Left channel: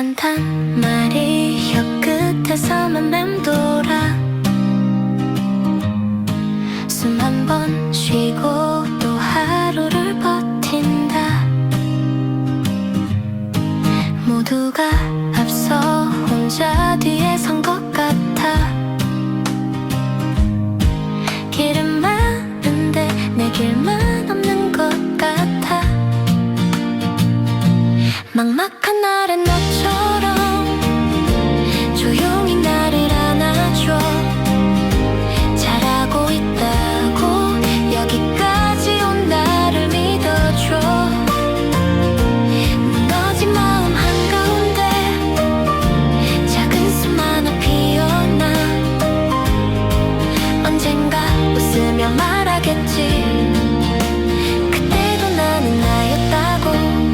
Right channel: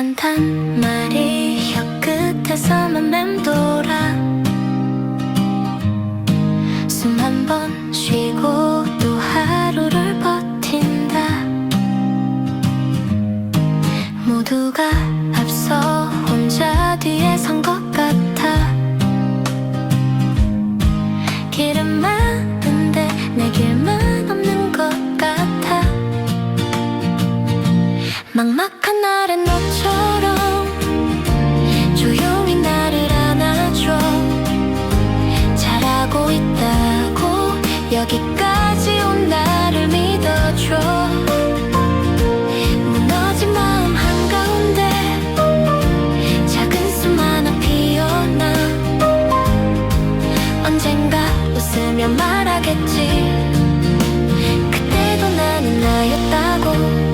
괜찮단 말이 혀끝에서만 맴돌아. 숨 한 번 쉬고 또 하루를 버틴다. 모두가 앞서 혼자 뒤에 선 것 같아. 길은 많은데 내 길만 없는 것 같아. 막막한 날엔 너처럼 조용히 나를 안아줘. 잘하고 있다고 여기까지 온 나를 믿어줘. 무너진 마음 한가운데 작은 숨 하나 피어나. 언젠가 웃으며 말하겠지. 그때도 나는 나였다고.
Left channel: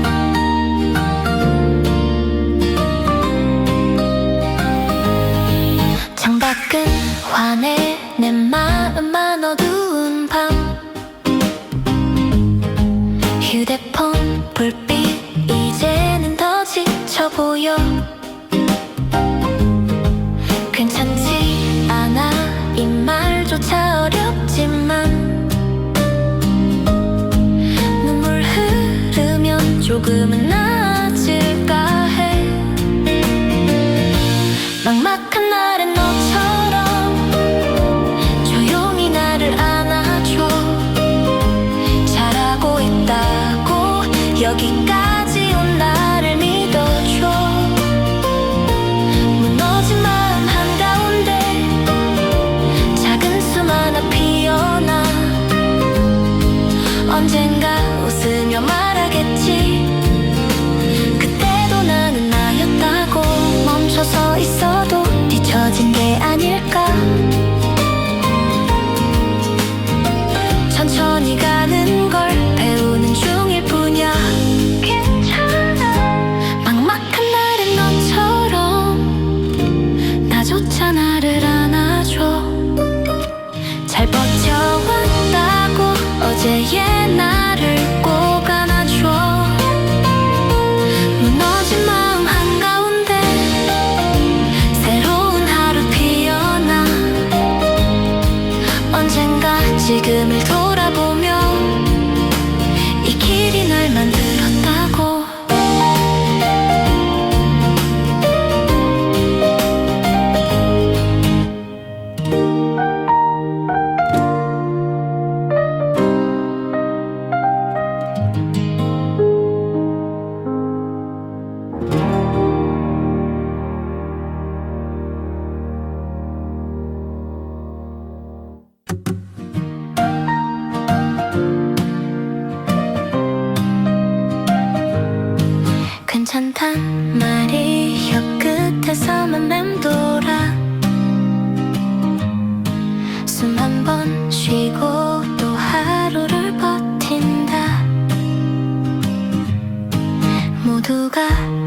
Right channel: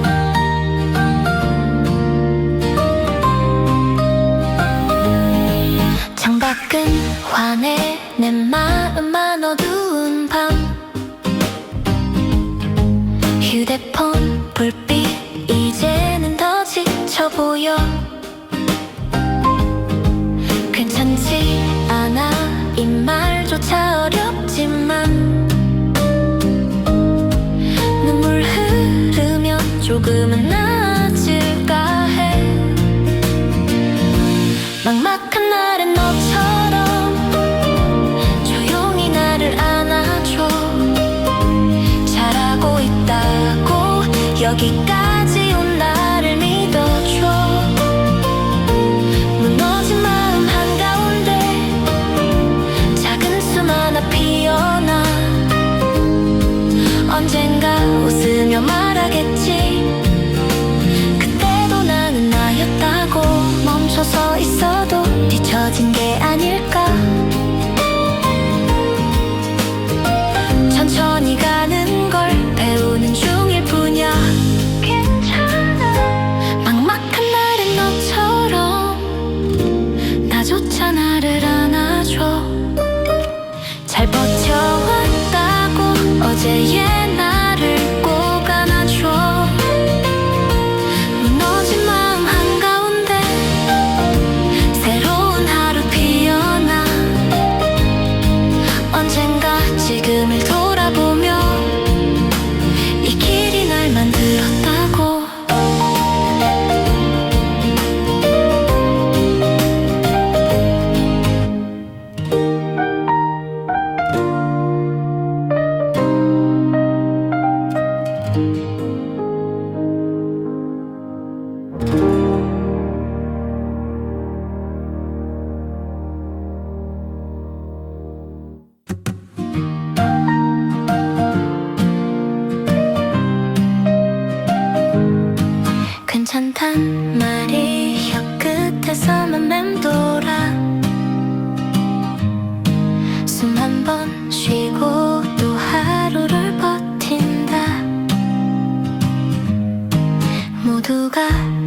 창밖은 환해 내 마음만 어두운 밤. 휴대폰 불빛 이제는 더 지쳐 보여. 괜찮지 않아 이 말조차 어렵지만 눈물 흐르면 조금은 나아질까 해. 막막한 날엔 너처럼 조용히 나를 안아줘. 잘하고 있다고 여기까지 온 나를 믿어줘. 무너진 마음 한가운데 작은 숨 하나 피어나. 언젠가 웃으며 말하겠지. 그때도 나는 나였다고. 멈춰서 있어도 뒤처진 게 아닐까. 천천히 가는 걸 배우는 중일 뿐이야. 괜찮아. 막막한 날엔 너처럼 나조차 나를 안아줘. 잘 버텨왔다고 어제의 나를 꼭 안아줘. 무너진 마음 한가운데 새로운 하루 피어나. 언젠가 지금을 돌아보며 이 길이 날 만들었다고. 괜찮단 말이 혀끝에서만 맴돌아. 숨 한 번 쉬고 또 하루를 버틴다. 모두가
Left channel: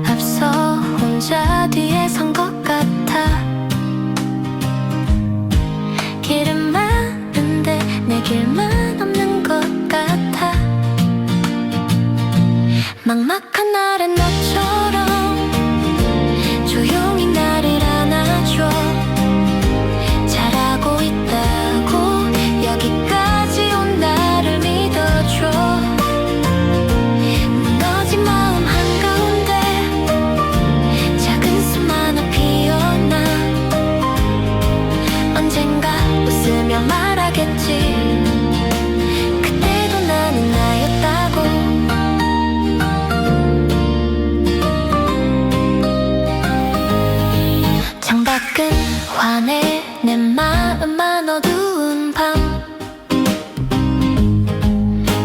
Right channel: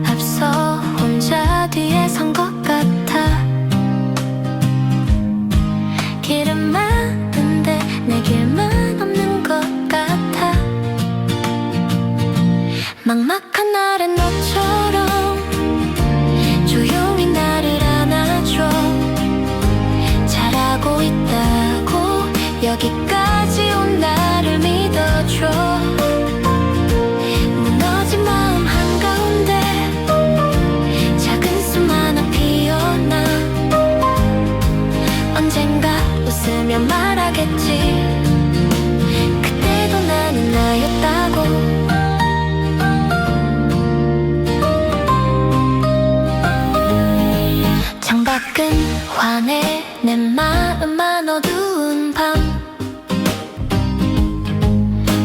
앞서 혼자 뒤에 선 것 같아. 길은 많은데 내 길만 없는 것 같아. 막막한 날엔 너처럼 조용히 나를 안아줘. 잘하고 있다고 여기까지 온 나를 믿어줘. 무너진 마음 한가운데 작은 숨 하나 피어나. 언젠가 웃으며 말하겠지. 그때도 나는 나였다고. 창밖은 환해 내 마음만 어두운 밤.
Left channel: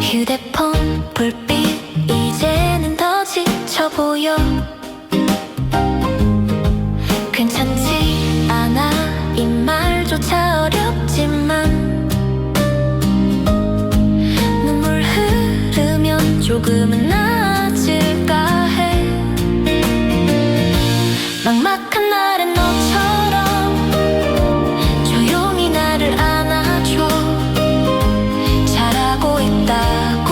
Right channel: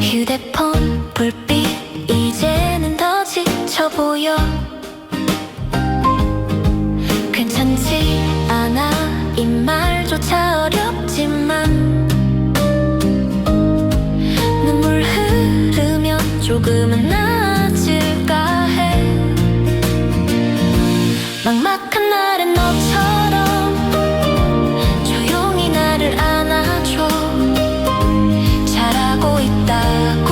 휴대폰 불빛 이제는 더 지쳐 보여. 괜찮지 않아 이 말조차 어렵지만 눈물 흐르면 조금은 나아질까 해. 막막한 날엔 너처럼 조용히 나를 안아줘. 잘하고 있다고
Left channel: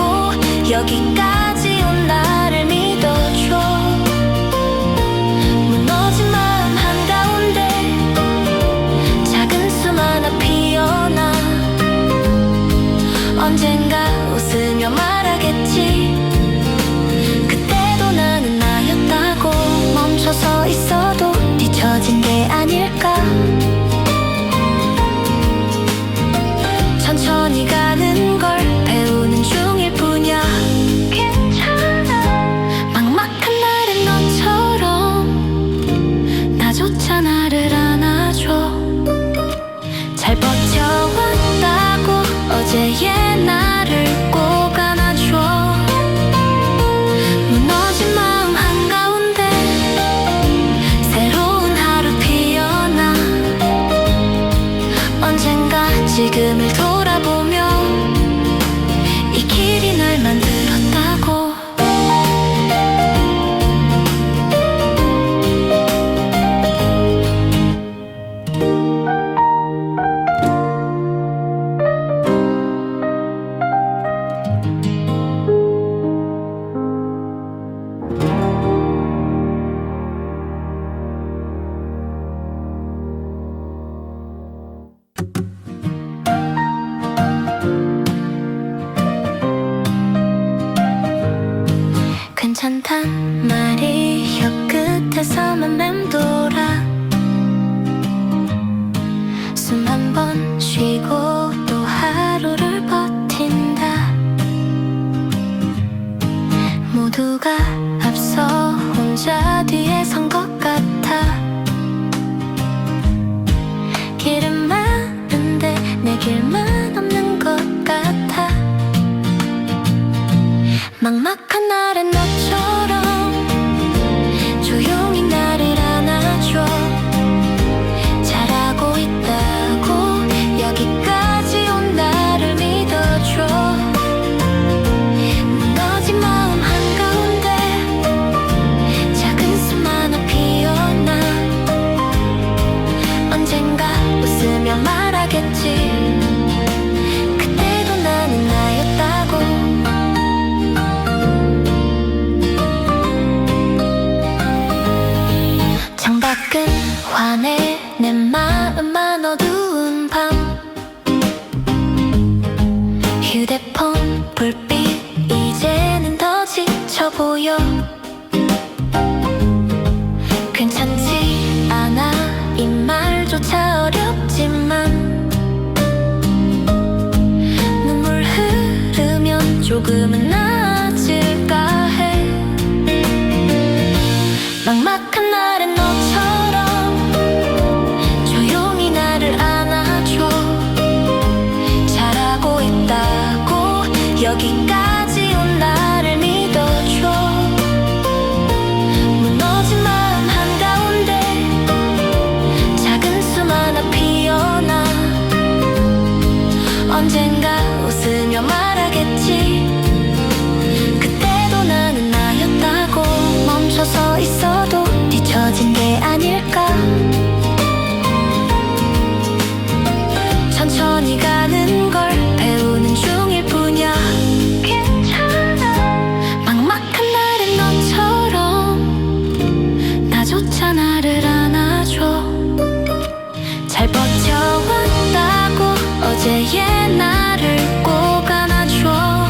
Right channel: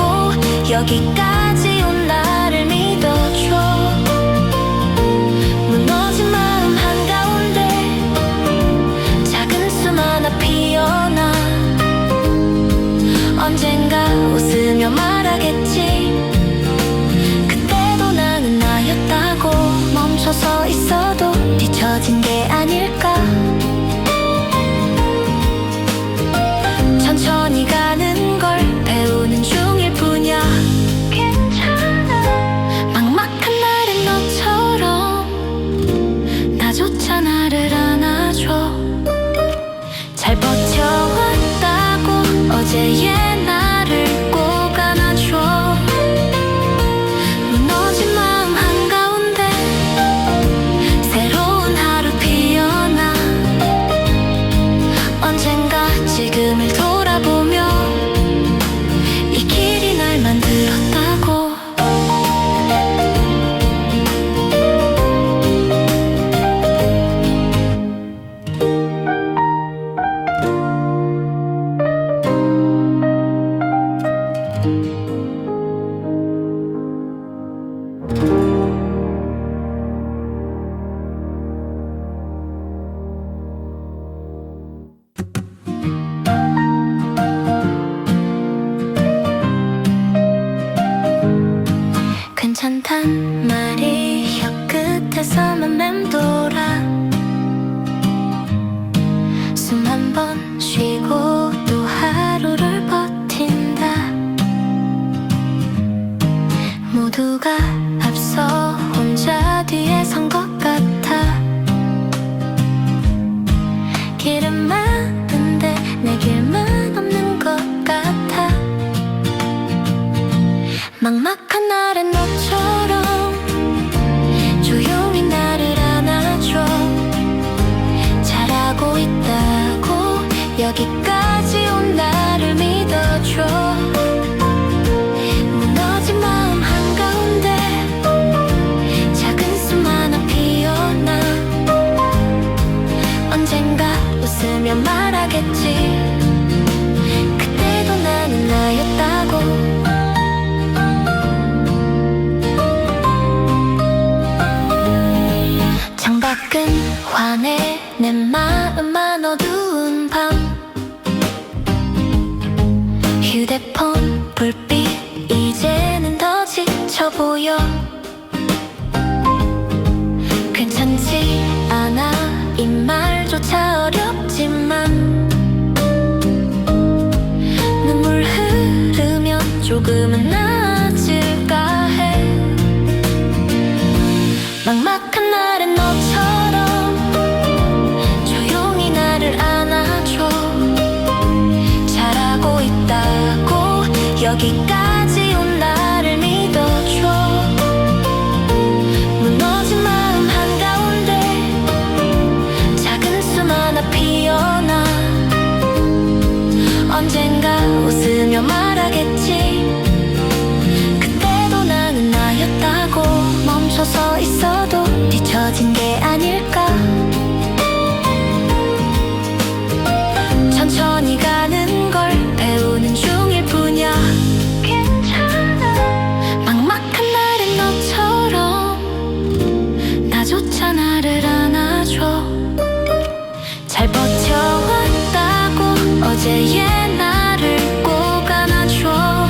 여기까지 온 나를 믿어줘. 언젠가 웃으며 말하겠지. 그때도 나는 나였다고. 멈춰서 있어도 뒤처진 게 아닐까. 천천히 가는 걸 배우는 중일 뿐이야. 괜찮아. 막막한 날엔 너처럼 나조차 나를 안아줘. 잘 버텨왔다고 어제의 나를 꼭 안아줘. 무너진 마음 한가운데 새로운 하루 피어나. 언젠가 지금을 돌아보며 이 길이 날 만들었다고. 괜찮단 말이 혀끝에서만 맴돌아. 숨 한 번 쉬고 또 하루를 버틴다. 모두가 앞서 혼자 뒤에 선 것 같아. 길은 많은데 내 길만 없는 것 같아. 막막한 날엔 너처럼 조용히 나를 안아줘. 잘하고 있다고 여기까지 온 나를 믿어줘. 무너진 마음 한가운데 작은 숨 하나 피어나. 언젠가 웃으며 말하겠지. 그때도 나는 나였다고. 창밖은 환해 내 마음만 어두운 밤. 휴대폰 불빛 이제는 더 지쳐 보여. 괜찮지 않아 이 말조차 어렵지만 눈물 흐르면 조금은 나아질까 해. 막막한 날엔 너처럼 조용히 나를 안아줘. 잘하고 있다고 여기까지 온 나를 믿어줘. 무너진 마음 한가운데 작은 숨 하나 피어나. 언젠가 웃으며 말하겠지. 그때도 나는 나였다고. 멈춰서 있어도 뒤처진 게 아닐까. 천천히 가는 걸 배우는 중일 뿐이야. 괜찮아. 막막한 날엔 너처럼 나조차 나를 안아줘. 잘 버텨왔다고 어제의 나를 꼭 안아줘.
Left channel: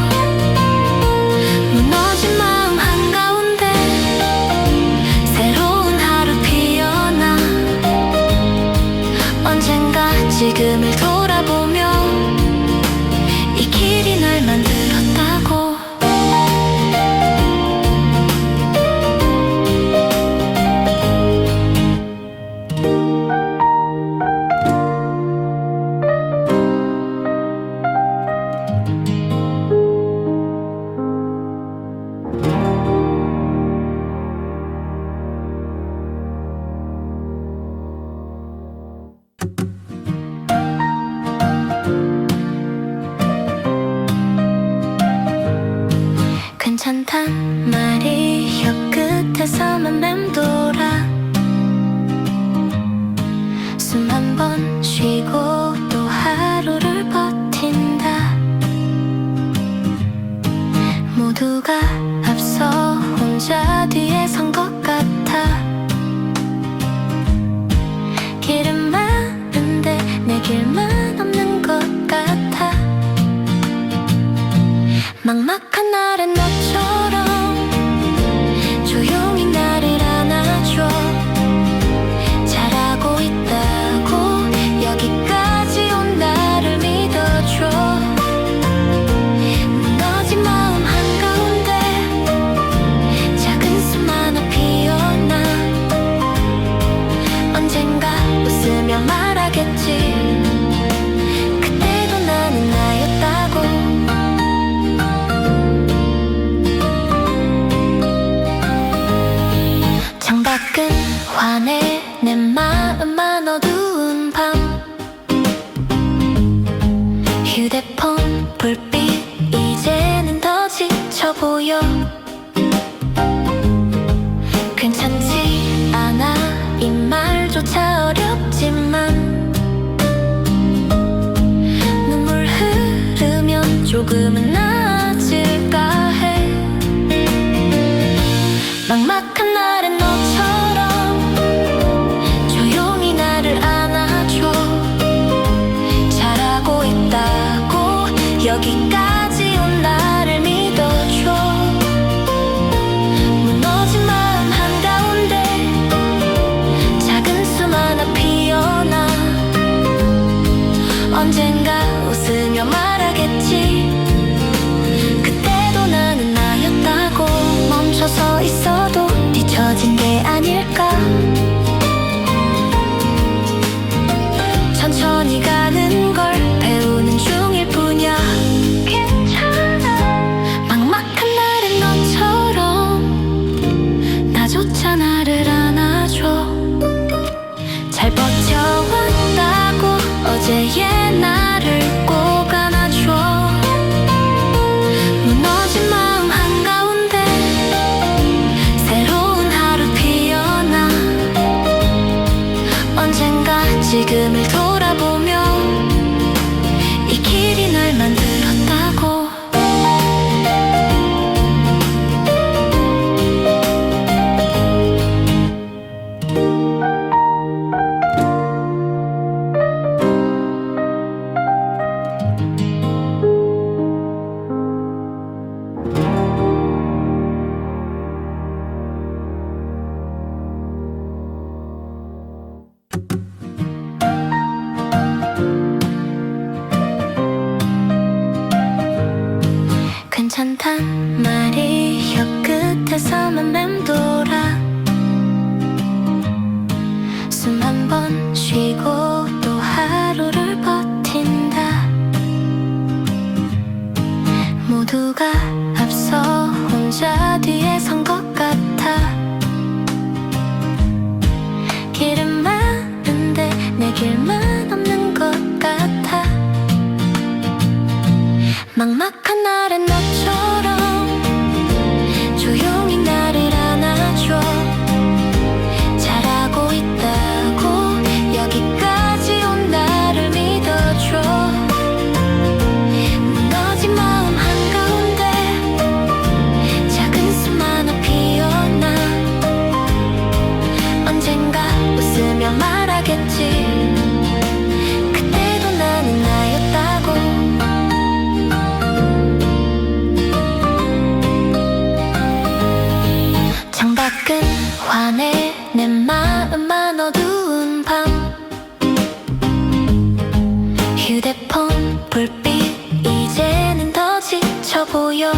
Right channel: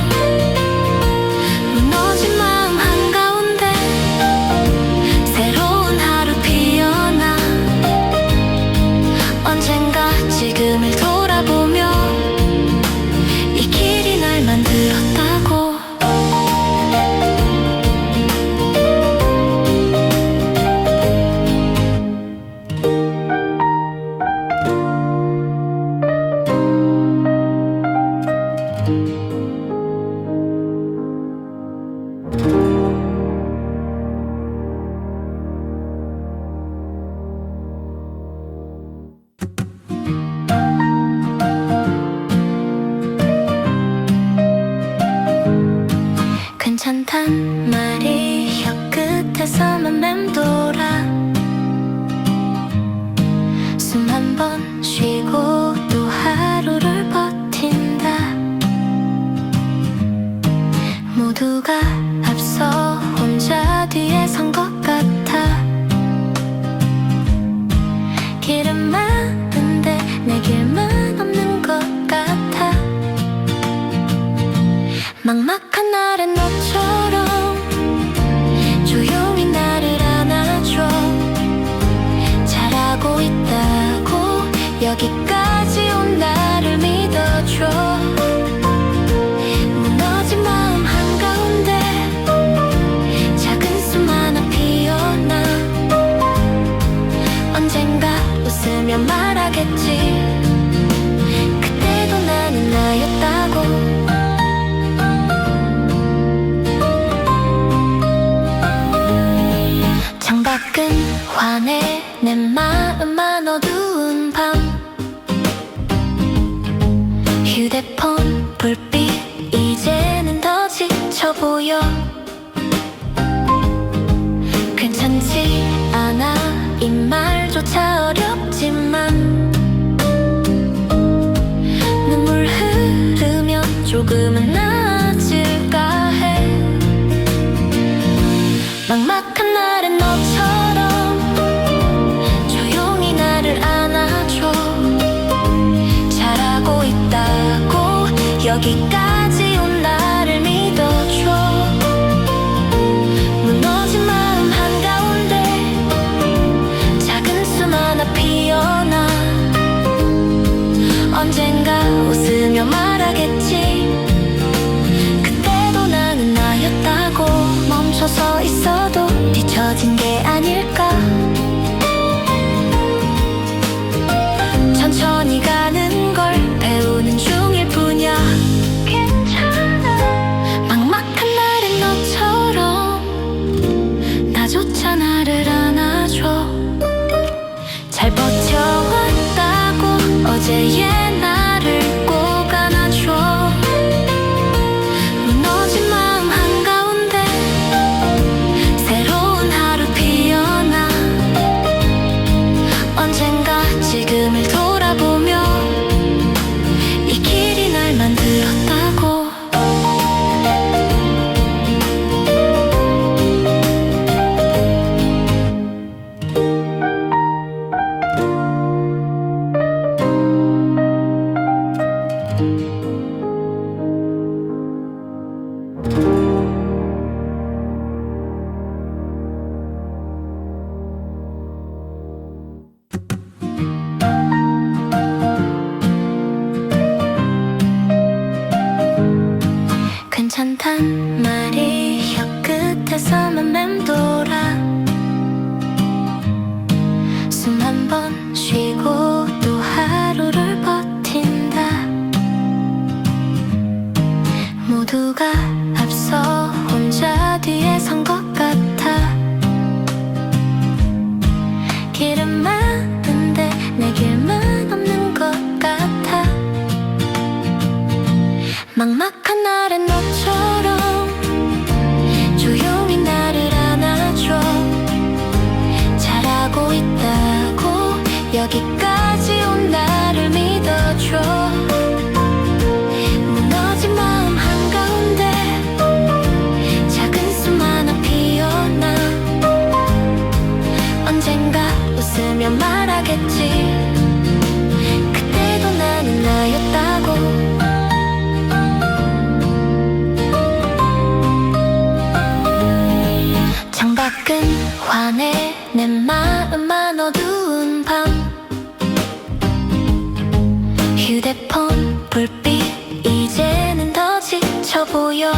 무너진 마음 한가운데 새로운 하루 피어나. 언젠가 지금을 돌아보며 이 길이 날 만들었다고. 괜찮단 말이 혀끝에서만 맴돌아. 숨 한 번 쉬고 또 하루를 버틴다. 모두가 앞서 혼자 뒤에 선 것 같아. 길은 많은데 내 길만 없는 것 같아. 막막한 날엔 너처럼 조용히 나를 안아줘. 잘하고 있다고 여기까지 온 나를 믿어줘. 무너진 마음 한가운데 작은 숨 하나 피어나. 언젠가 웃으며 말하겠지. 그때도 나는 나였다고. 창밖은 환해 내 마음만 어두운 밤. 휴대폰 불빛 이제는 더 지쳐 보여. 괜찮지 않아 이 말조차 어렵지만 눈물 흐르면 조금은 나아질까 해. 막막한 날엔 너처럼 조용히 나를 안아줘. 잘하고 있다고 여기까지 온 나를 믿어줘. 무너진 마음 한가운데 작은 숨 하나 피어나. 언젠가 웃으며 말하겠지. 그때도 나는 나였다고. 멈춰서 있어도 뒤처진 게 아닐까. 천천히 가는 걸 배우는 중일 뿐이야. 괜찮아. 막막한 날엔 너처럼 나조차 나를 안아줘. 잘 버텨왔다고 어제의 나를 꼭 안아줘. 무너진 마음 한가운데 새로운 하루 피어나. 언젠가 지금을 돌아보며 이 길이 날 만들었다고. 괜찮단 말이 혀끝에서만 맴돌아. 숨 한 번 쉬고 또 하루를 버틴다. 모두가 앞서 혼자 뒤에 선 것 같아. 길은 많은데 내 길만 없는 것 같아. 막막한 날엔 너처럼 조용히 나를 안아줘. 잘하고 있다고 여기까지 온 나를 믿어줘. 무너진 마음 한가운데 작은 숨 하나 피어나. 언젠가 웃으며 말하겠지. 그때도 나는 나였다고. 창밖은 환해 내 마음만 어두운 밤. 휴대폰 불빛 이제는 더 지쳐 보여.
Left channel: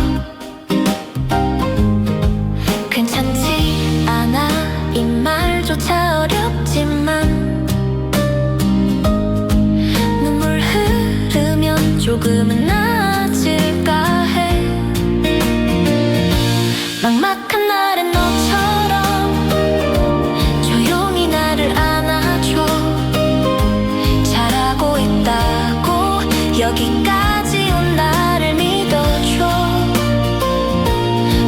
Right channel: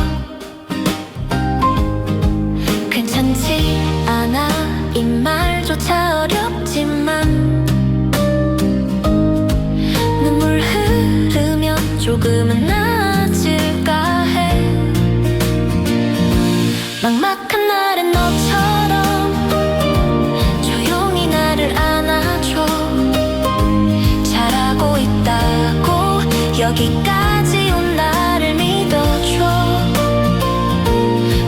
괜찮지 않아 이 말조차 어렵지만 눈물 흐르면 조금은 나아질까 해. 막막한 날엔 너처럼 조용히 나를 안아줘. 잘하고 있다고 여기까지 온 나를 믿어줘.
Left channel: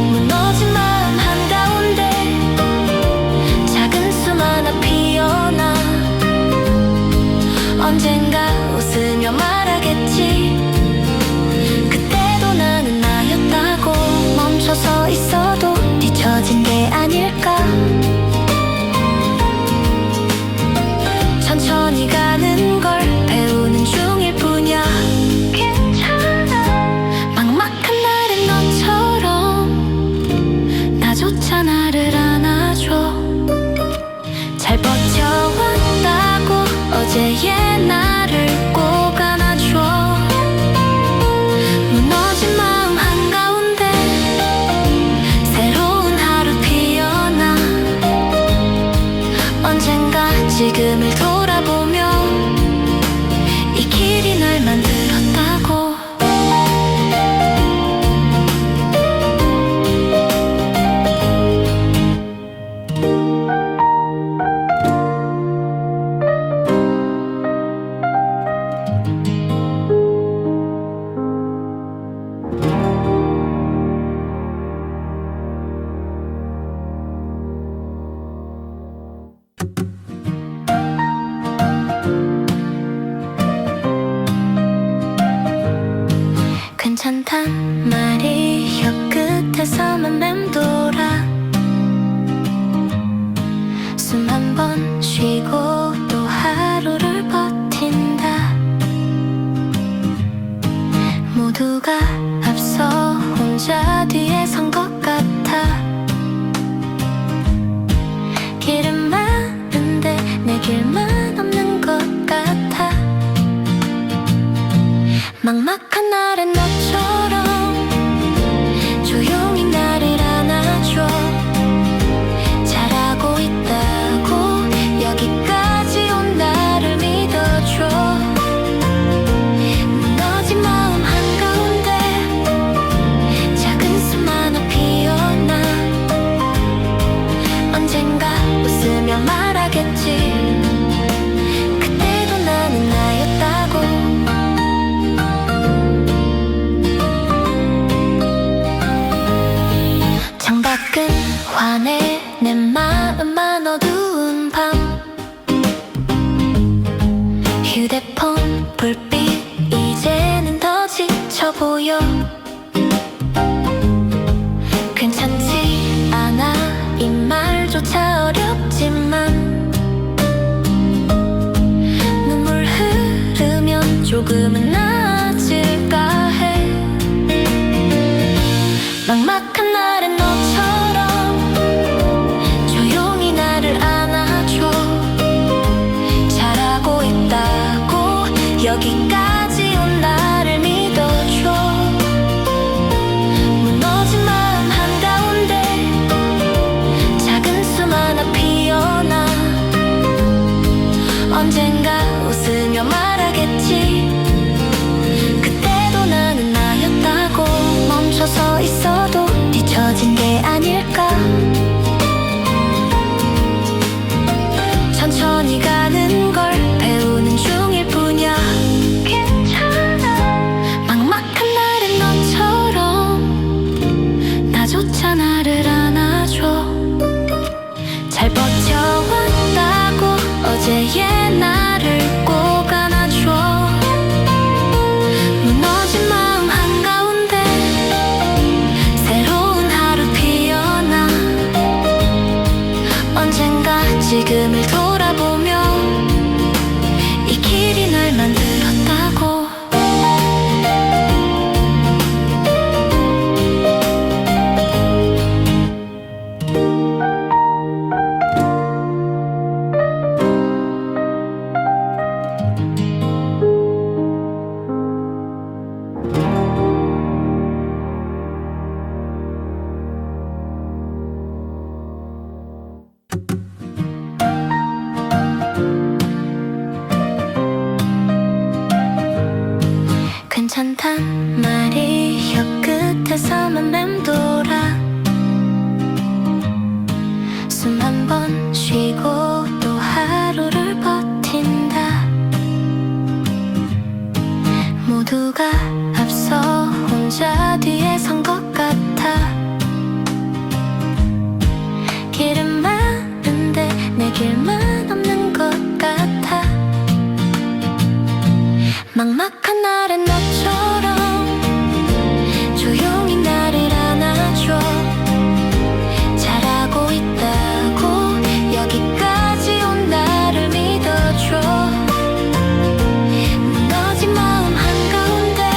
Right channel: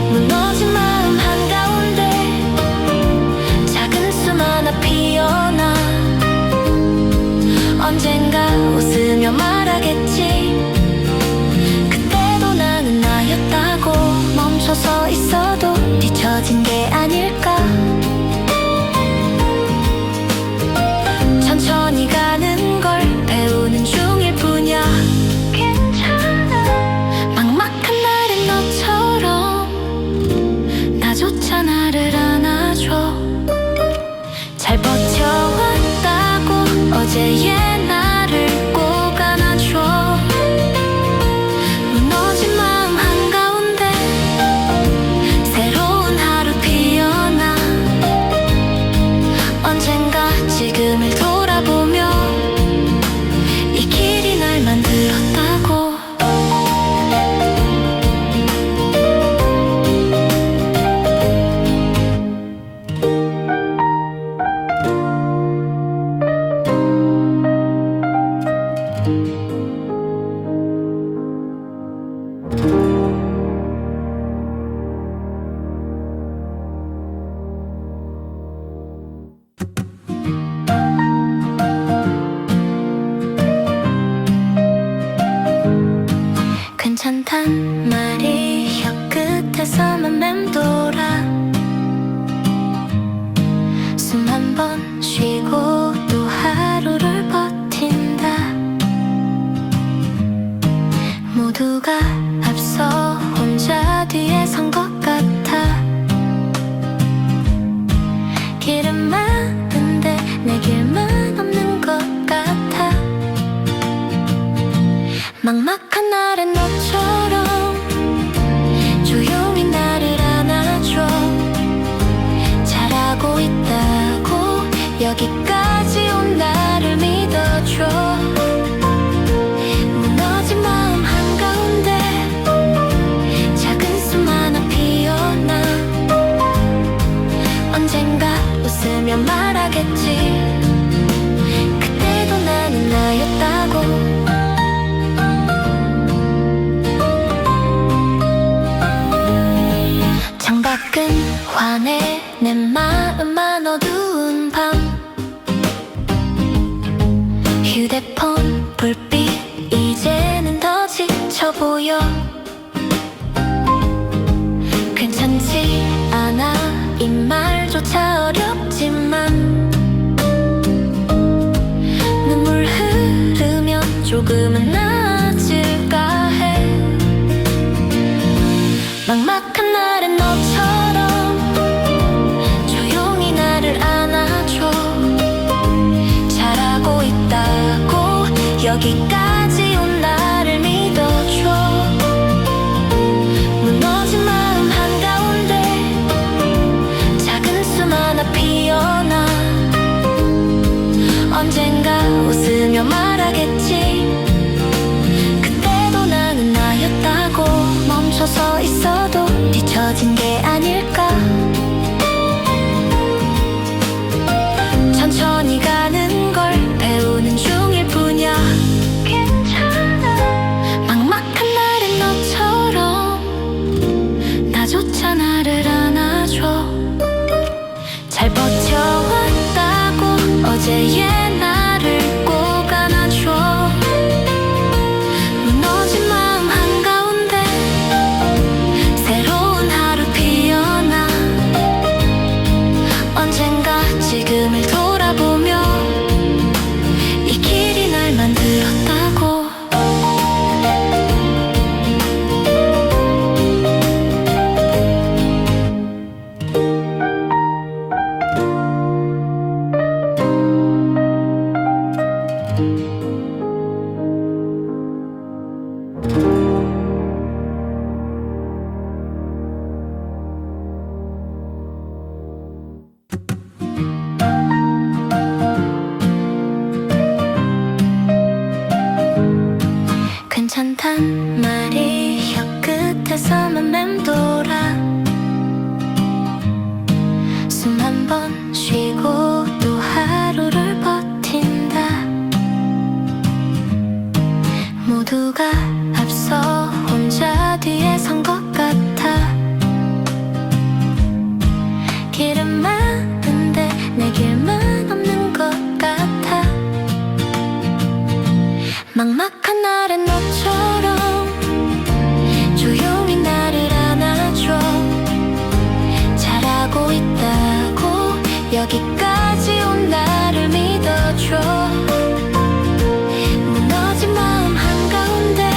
무너진 마음 한가운데 작은 숨 하나 피어나. 언젠가 웃으며 말하겠지. 그때도 나는 나였다고. 멈춰서 있어도 뒤처진 게 아닐까. 천천히 가는 걸 배우는 중일 뿐이야. 괜찮아. 막막한 날엔 어제의 나를 꼭 안아줘. 무너진 마음 한가운데 새로운 하루 피어나. 언젠가 지금을 돌아보며 이 길이 날 만들었다고. 괜찮단 말이 혀끝에서만 맴돌아. 숨 한 번 쉬고 또 하루를 버틴다. 모두가 앞서 혼자 뒤에 선 것 같아. 길은 많은데 내 길만 없는 것 같아. 막막한 날엔 너처럼 조용히 나를 안아줘. 잘하고 있다고 여기까지 온 나를 믿어줘. 무너진 마음 한가운데 작은 숨 하나 피어나. 언젠가 웃으며 말하겠지. 그때도 나는 나였다고. 창밖은 환해 내 마음만 어두운 밤. 휴대폰 불빛 이제는 더 지쳐 보여. 괜찮지 않아 이 말조차 어렵지만 눈물 흐르면 조금은 나아질까 해. 막막한 날엔 너처럼 조용히 나를 안아줘. 잘하고 있다고 여기까지 온 나를 믿어줘. 무너진 마음 한가운데 작은 숨 하나 피어나. 언젠가 웃으며 말하겠지. 그때도 나는 나였다고. 멈춰서 있어도 뒤처진 게 아닐까. 천천히 가는 걸 배우는 중일 뿐이야. 괜찮아. 막막한 날엔 너처럼 나조차 나를 안아줘. 잘 버텨왔다고 어제의 나를 꼭 안아줘. 무너진 마음 한가운데 새로운 하루 피어나. 언젠가 지금을 돌아보며 이 길이 날 만들었다고. 괜찮단 말이 혀끝에서만 맴돌아. 숨 한 번 쉬고 또 하루를 버틴다. 모두가 앞서 혼자 뒤에 선 것 같아. 길은 많은데 내 길만 없는 것 같아. 막막한 날엔 너처럼 조용히 나를 안아줘. 잘하고 있다고 여기까지 온 나를 믿어줘. 무너진 마음 한가운데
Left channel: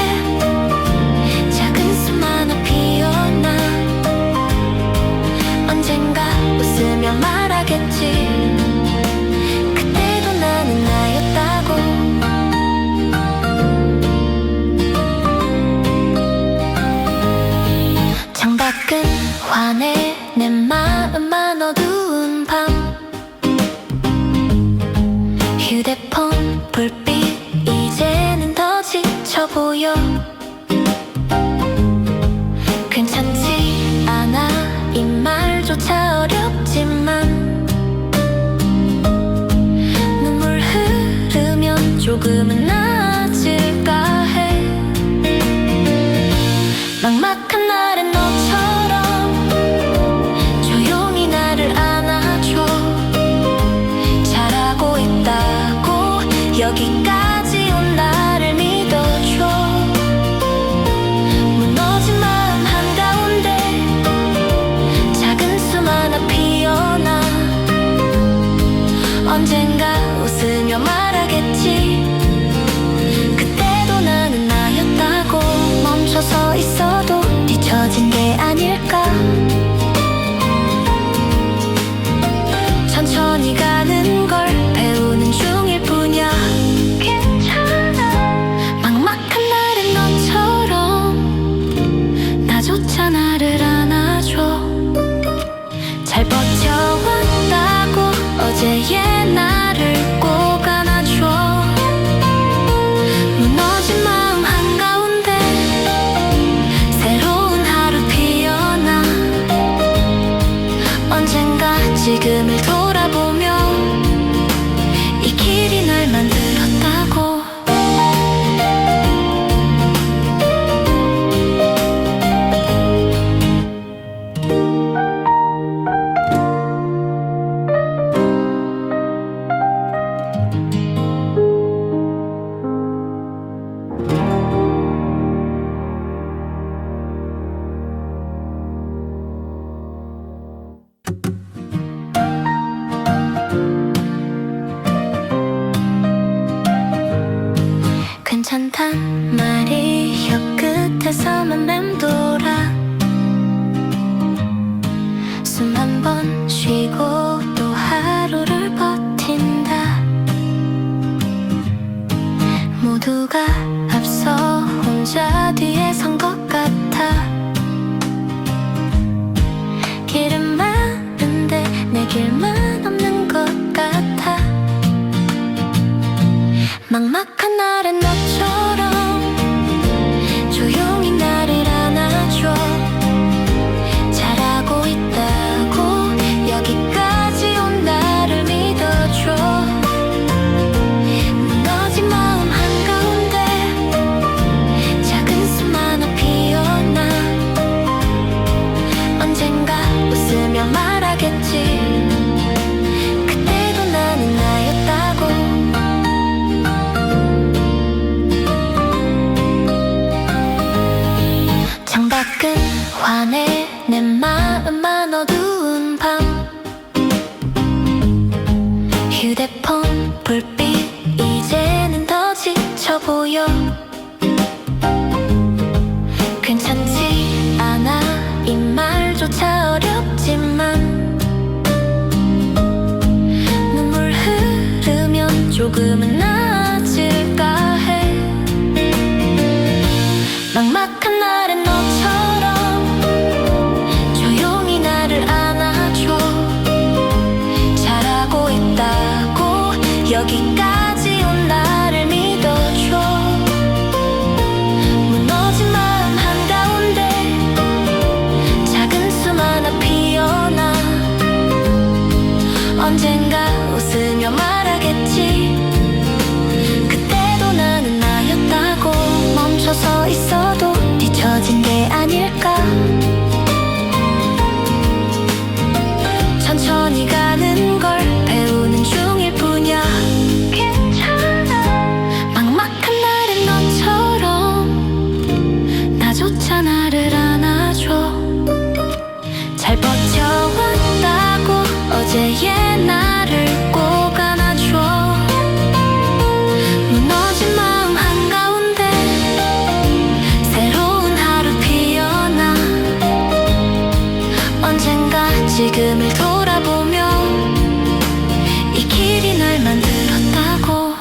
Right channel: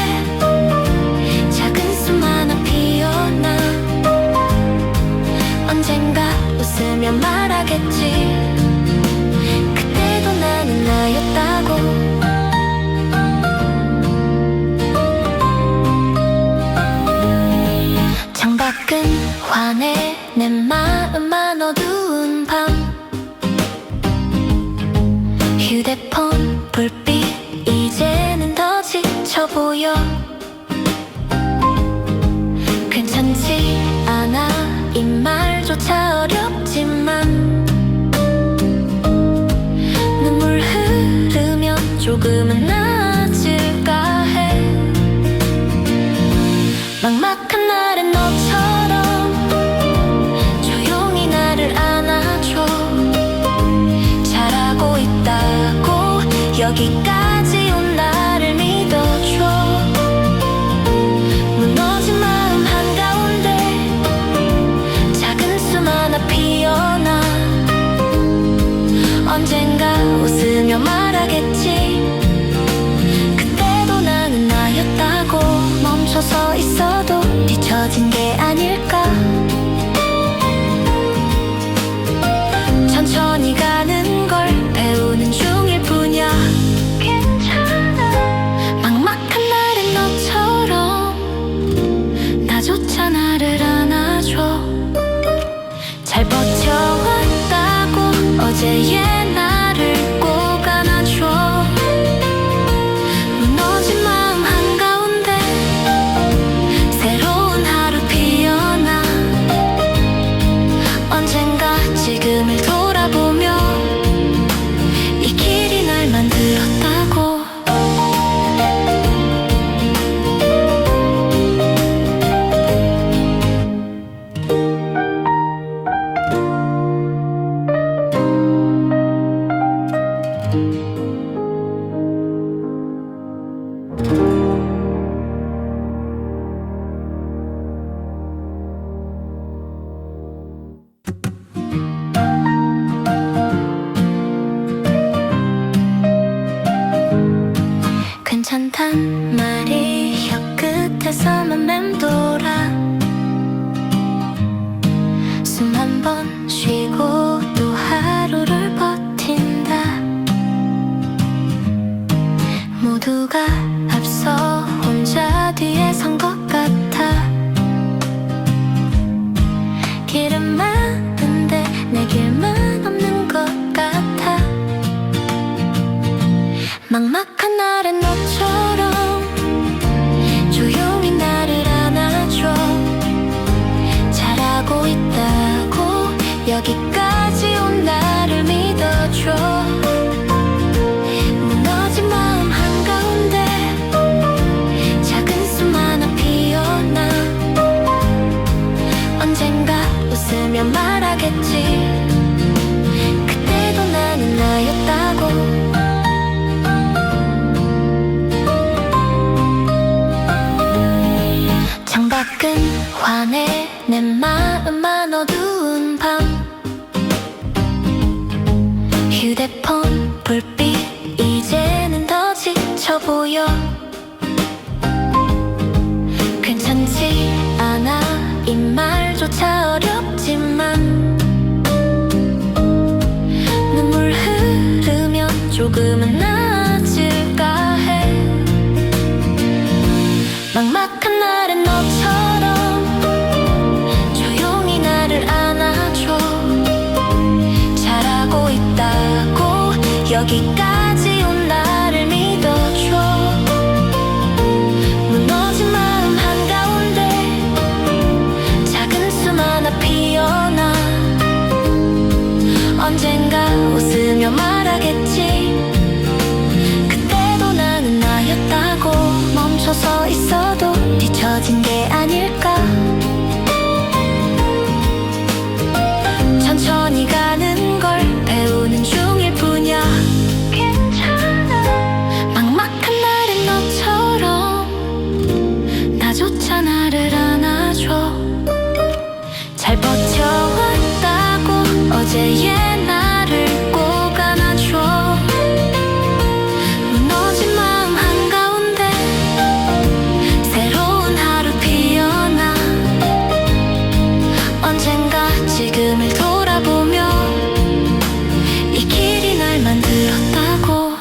작은 숨 하나 피어나. 언젠가 웃으며 말하겠지. 그때도 나는 나였 나였다고. 창밖은 환해 내 마음만 어두운 밤. 휴대폰 불빛 이제는 더 지쳐 보여. 괜찮지 않아 이 말조차 어렵지만 눈물 흐르면 조금은 나아질까 해. 막막한 날엔 너처럼 조용히 나를 안아줘. 잘하고 있다고 여기까지 온 나를 믿어줘. 무너진 마음 한가운데 작은 숨 하나 피어나. 언젠가 웃으며 말하겠지. 그때도 나는 나였다고. 멈춰서 있어도 뒤처진 게 아닐까. 천천히 가는 걸 배우는 중일 뿐이야. 괜찮아. 막막한 날엔 너처럼 나조차 나를 안아줘. 잘 버텨왔다고 어제의 나를 꼭 안아줘. 무너진 마음 한가운데 새로운 하루 피어나. 언젠가 지금을 돌아보며 이 길이 날 만들었다고. 괜찮단 말이 혀끝에서만 맴돌아. 숨 한 번 쉬고 또 하루를 버틴다. 모두가 앞서 혼자 뒤에 선 것 같아. 길은 많은데 내 길만 없는 것 같아. 막막한 날엔 너처럼 조용히 나를 안아줘. 잘하고 있다고 여기까지 온 나를 믿어줘. 무너진 마음 한가운데 작은 숨 하나 피어나. 언젠가 웃으며 말하겠지. 그때도 나는 나였다고. 창밖은 환해 내 마음만 어두운 밤. 휴대폰 불빛 이제는 더 지쳐 보여. 괜찮지 않아 이 말조차 어렵지만 눈물 흐르면 조금은 나아질까 해. 막막한 날엔 너처럼 조용히 나를 안아줘. 잘하고 있다고 여기까지 온 나를 믿어줘. 무너진 마음 한가운데 작은 숨 하나 피어나. 언젠가 웃으며 말하겠지. 그때도 나는 나였다고. 멈춰서 있어도 뒤처진 게 아닐까. 천천히 가는 걸 배우는 중일 뿐이야. 괜찮아. 막막한 날엔 너처럼 나조차 나를 안아줘. 잘 버텨왔다고 어제의 나를 꼭 안아줘. 무너진 마음 한가운데 새로운 하루 피어나. 언젠가 지금을 돌아보며 이 길이 날 만들었다고.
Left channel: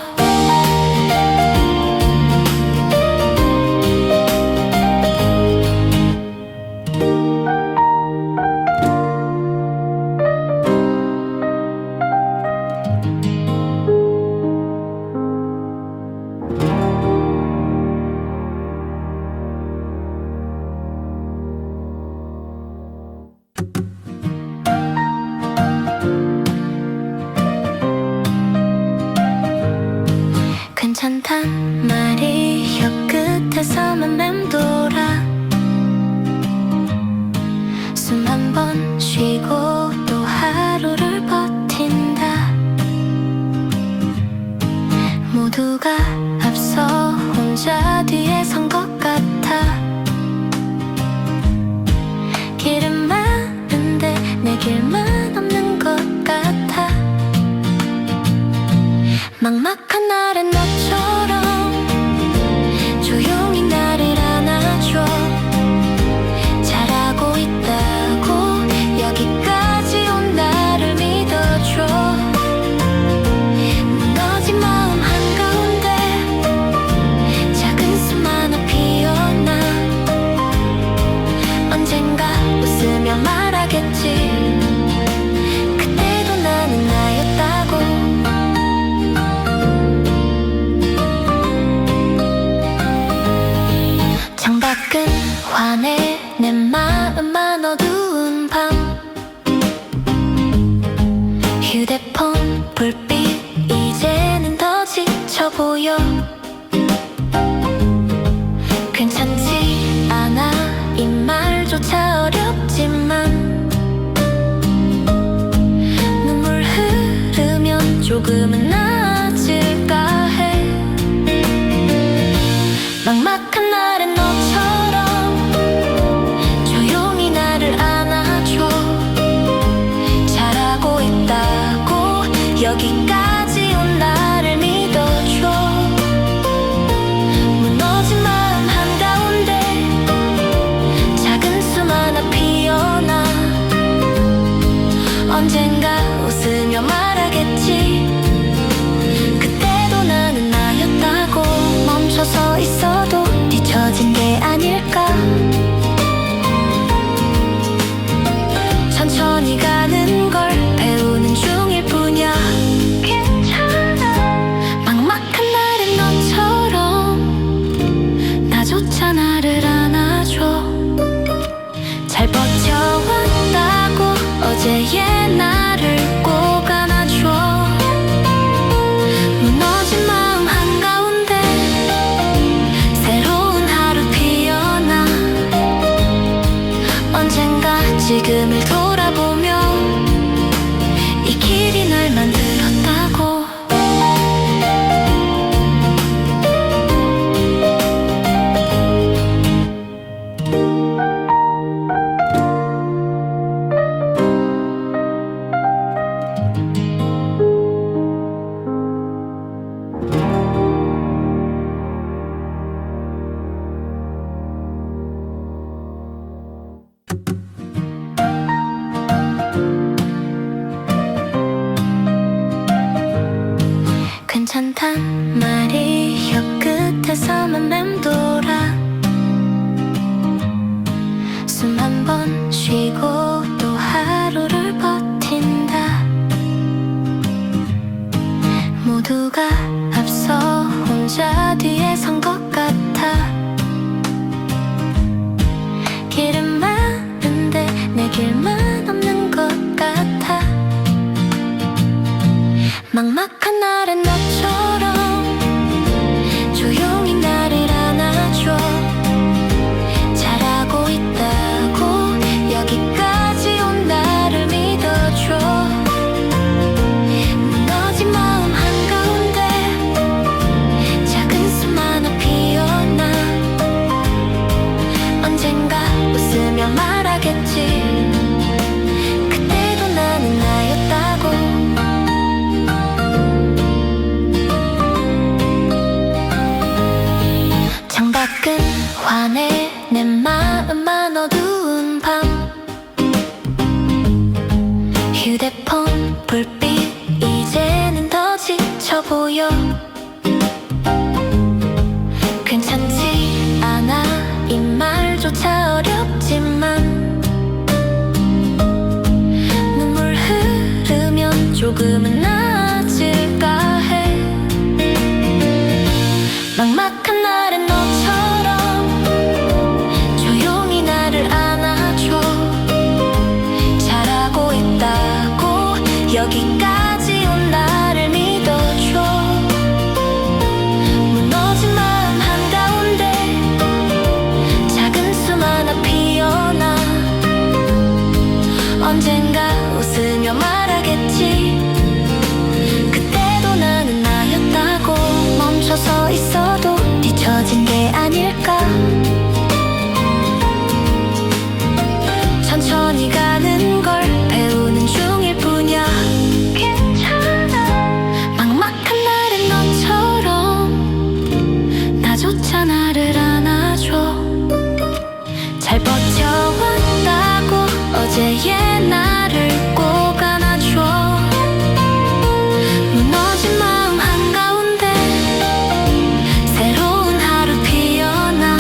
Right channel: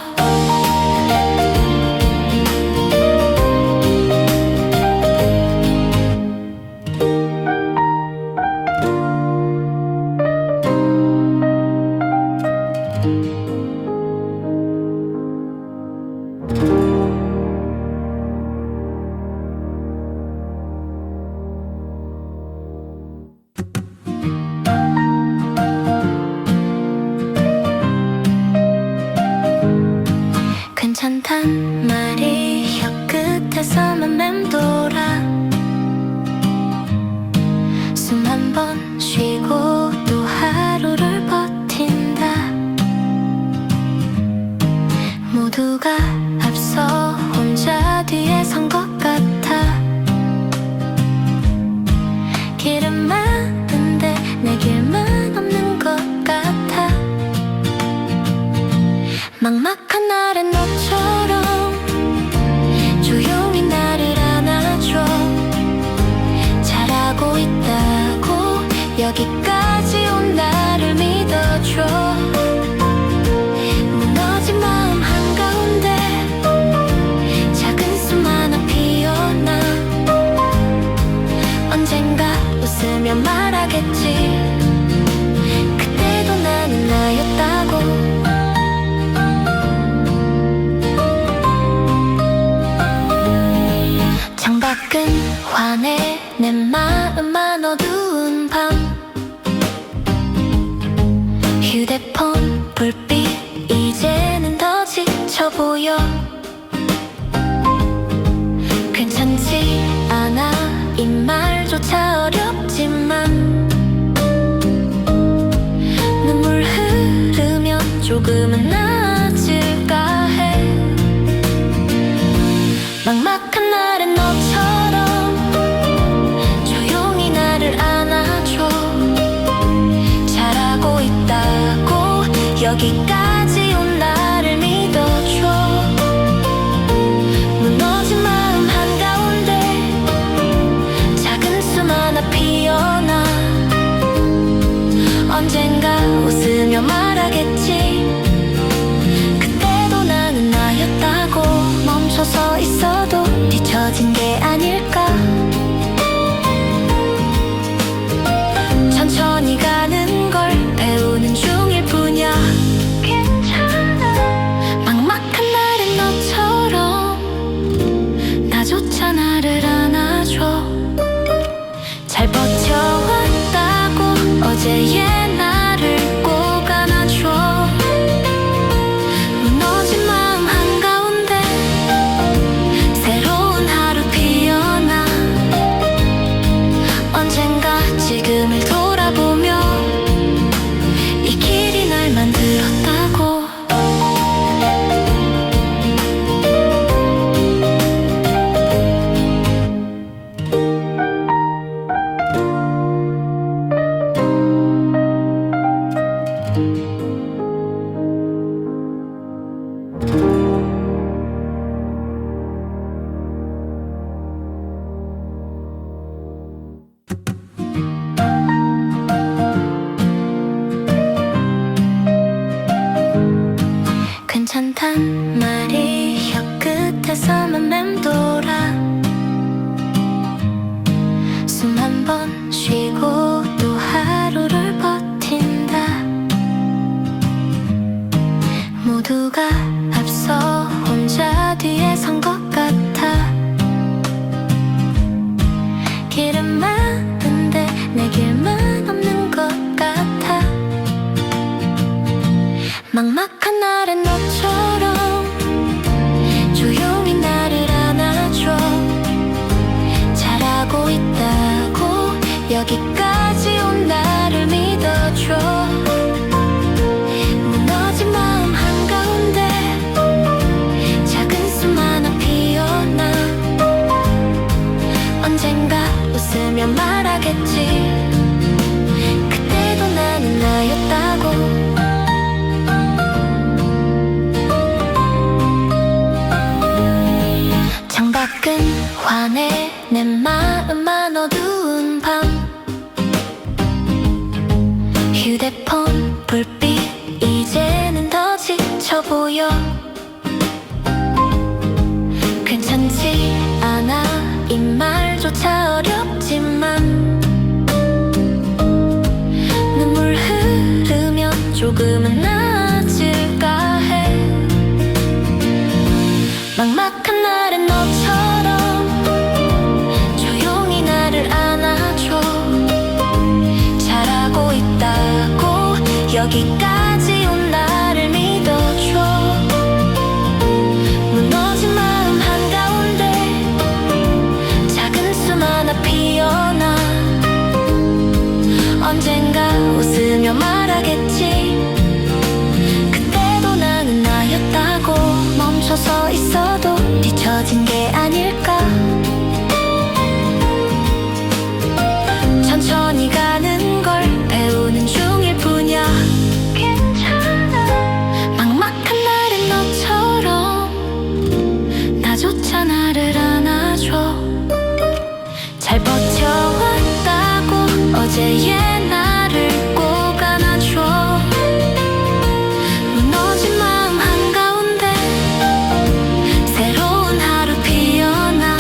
괜찮단 말이 혀끝에서만 맴돌아. 숨 한 번 쉬고 또 하루를 버틴다. 모두가 앞서 혼자 뒤에 선 것 같아. 길은 많은데 내 길만 없는 것 같아. 막막한 날엔 너처럼 조용히 나를 안아줘. 잘하고 있다고 여기까지 온 나를 믿어줘. 무너진 마음 한가운데 작은 숨 하나 피어나. 언젠가 웃으며 말하겠지. 그때도 나는 나였다고. 창밖은 환해 내 마음만 어두운 밤. 휴대폰 불빛 이제는 더 지쳐 보여. 괜찮지 않아 이 말조차 어렵지만 눈물 흐르면 조금은 나아질까 해. 막막한 날엔 너처럼 조용히 나를 안아줘. 잘하고 있다고 여기까지 온 나를 믿어줘. 무너진 마음 한가운데 작은 숨 하나 피어나. 언젠가 웃으며 말하겠지. 그때도 나는 나였다고. 멈춰서 있어도 뒤처진 게 아닐까. 천천히 가는 걸 배우는 중일 뿐이야. 괜찮아. 막막한 날엔 너처럼 나조차 나를 안아줘. 잘 버텨왔다고 어제의 나를 꼭 안아줘. 무너진 마음 한가운데 새로운 하루 피어나. 언젠가 지금을 돌아보며 이 길이 날 만들었다고. 괜찮단 말이 혀끝에서만 맴돌아. 숨 한 번 쉬고 또 하루를 버틴다. 모두가 앞서 혼자 뒤에 선 것 같아. 길은 많은데 내 길만 없는 것 같아. 막막한 날엔 너처럼 조용히 나를 안아줘. 잘하고 있다고 여기까지 온 나를 믿어줘. 무너진 마음 한가운데 작은 숨 하나 피어나. 언젠가 웃으며 말하겠지. 그때도 나는 나였다고. 창밖은 환해 내 마음만 어두운 밤. 휴대폰 불빛 이제는 더 지쳐 보여. 괜찮지 않아 이 말조차 어렵지만 눈물 흐르면 조금은 나아질까 해. 막막한 날엔 너처럼 조용히 나를 안아줘. 잘하고 있다고 여기까지 온 나를 믿어줘. 피어나 언젠가 웃으며 말하겠지. 그때도 나는 나였다고. 멈춰서 있어도 뒤처진 게 아닐까. 천천히 가는 걸 배우는 중일 뿐이야. 괜찮아. 막막한 날엔 너처럼 나조차 나를 안아줘. 잘 버텨왔다고 어제의 나를 꼭 안아줘. 무너진 마음 한가운데 새로운 하루 피어나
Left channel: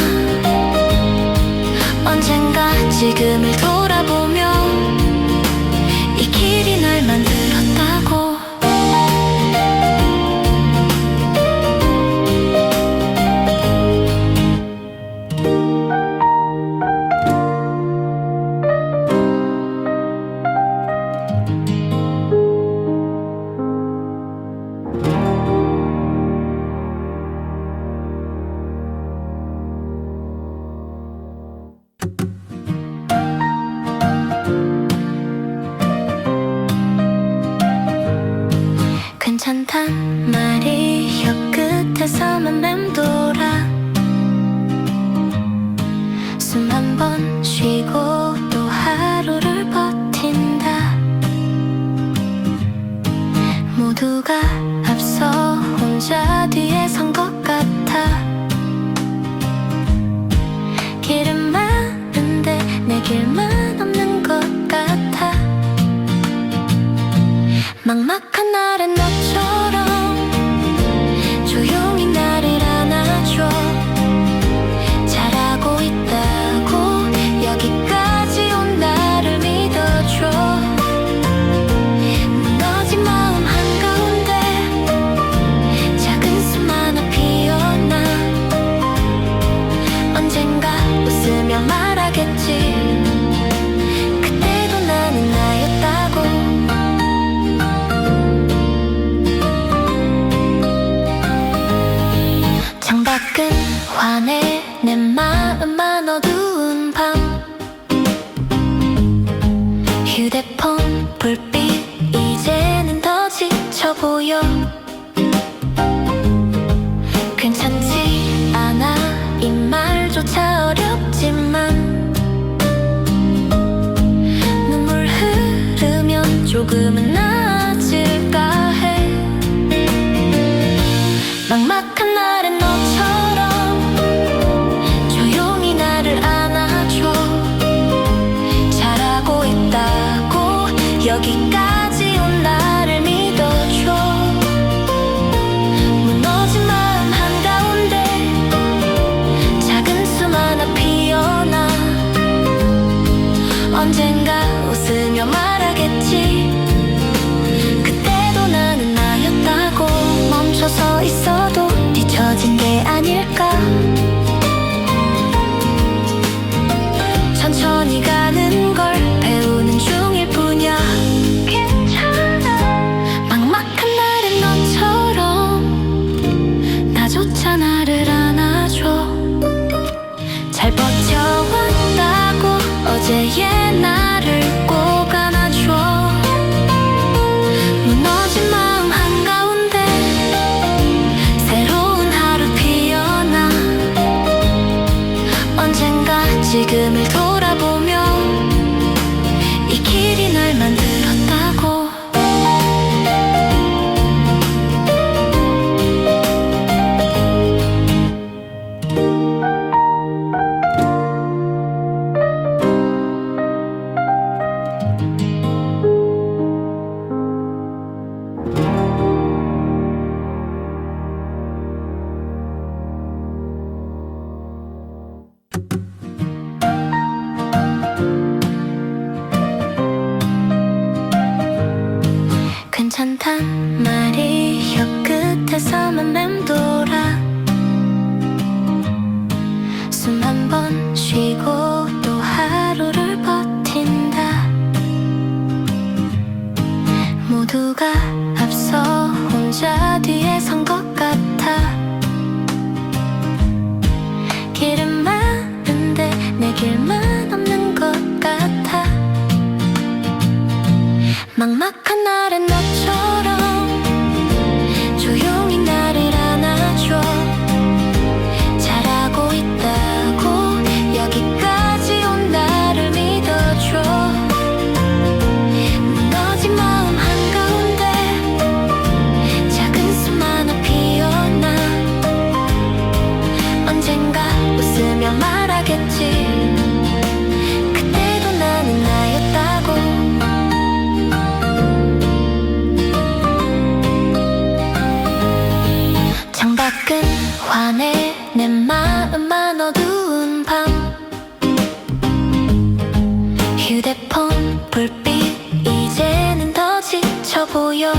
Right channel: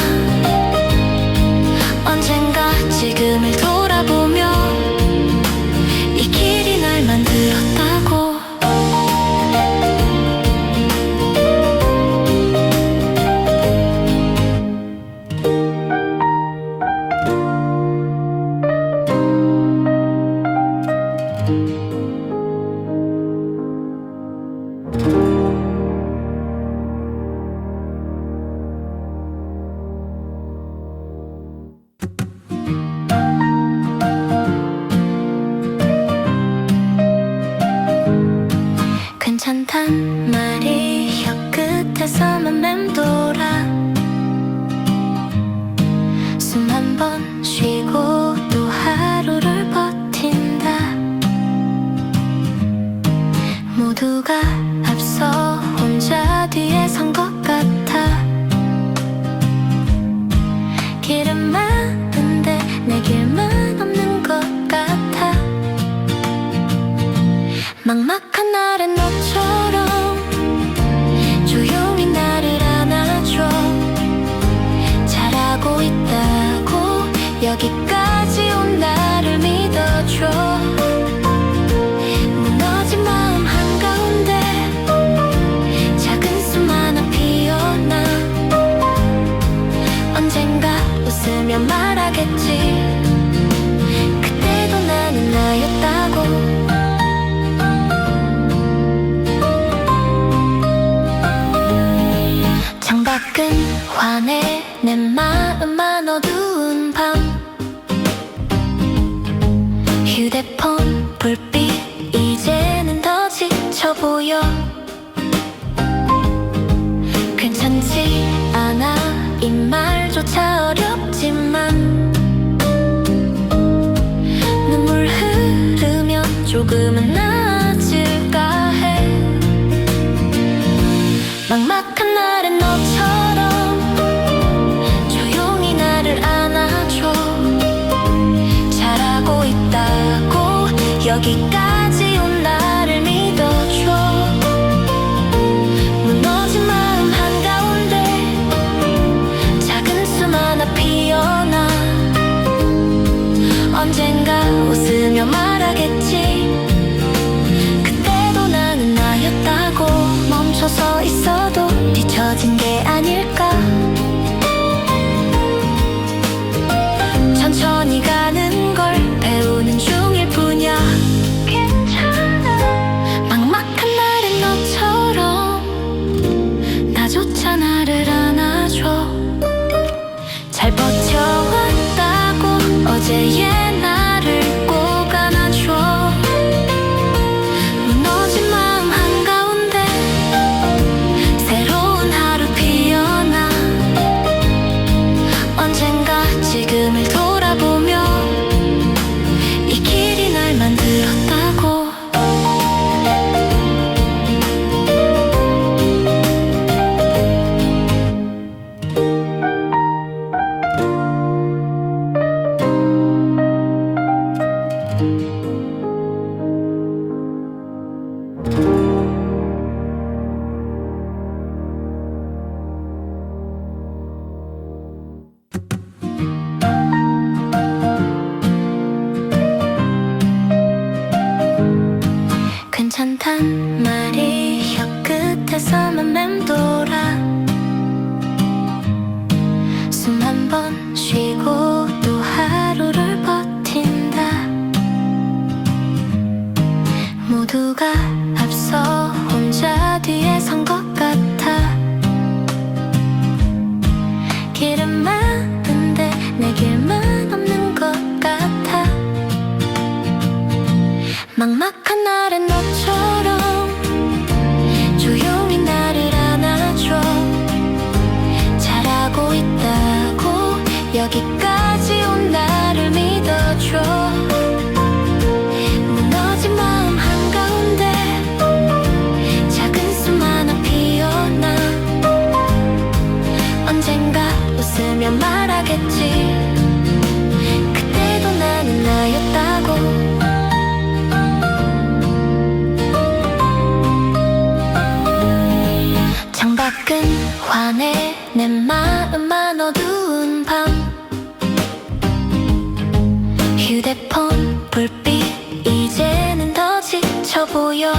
언젠가 지금을 돌아보며 이 길이 날 만들었다고. 괜찮단 말이 혀끝에서만 맴돌아. 숨 한 번 쉬고 또 하루를 버틴다. 모두가 앞서 혼자 뒤에 선 것 같아. 길은 많은데 내 길만 없는 것 같아. 막막한 날엔 너처럼 조용히 나를 안아줘. 잘하고 있다고 여기까지 온 나를 믿어줘. 무너진 마음 한가운데 작은 숨 하나 피어나 언젠가 웃으며 말하겠지. 그때도 나는 나였다고. 창밖은 환해 내 마음만 어두운 밤. 휴대폰 불빛 이제는 더 지쳐 보여. 괜찮지 않아 이 말조차 어렵지만 눈물 흐르면 조금은 나아질까 해. 막막한 날엔 너처럼 조용히 나를 안아줘. 잘하고 있다고 여기까지 온 나를 믿어줘. 무너진 마음 한가운데 작은 숨 하나 피어나 언젠가 웃으며 말하겠지. 그때도 나는 나였다고. 멈춰서 있어도 뒤처진 게 아닐까. 천천히 가는 걸 배우는 중일 뿐이야. 괜찮아. 막막한 날엔 너처럼 나조차 나를 안아줘. 잘 버텨왔다고 어제의 나를 꼭 안아줘. 무너진 마음 한가운데 새로운 하루 피어나 언젠가 지금을 돌아보며 이 길이 날 만들었다고. 괜찮단 말이 혀끝에서만 맴돌아. 숨 한 번 쉬고 또 하루를 버틴다. 모두가 앞서 혼자 뒤에 선 것 같아. 길은 많은데 내 길만 없는 것 같아. 막막한 날엔 너처럼 조용히 나를 안아줘. 잘하고 있다고 여기까지 온 나를 믿어줘. 무너진 마음 한가운데 작은 숨 하나 피어나. 언젠가 웃으며 말하겠지. 그때도 나는 나였다고. 창밖은 환해 내 마음만 어두운 밤. 휴대폰 불빛 이제는 더 지쳐 보여.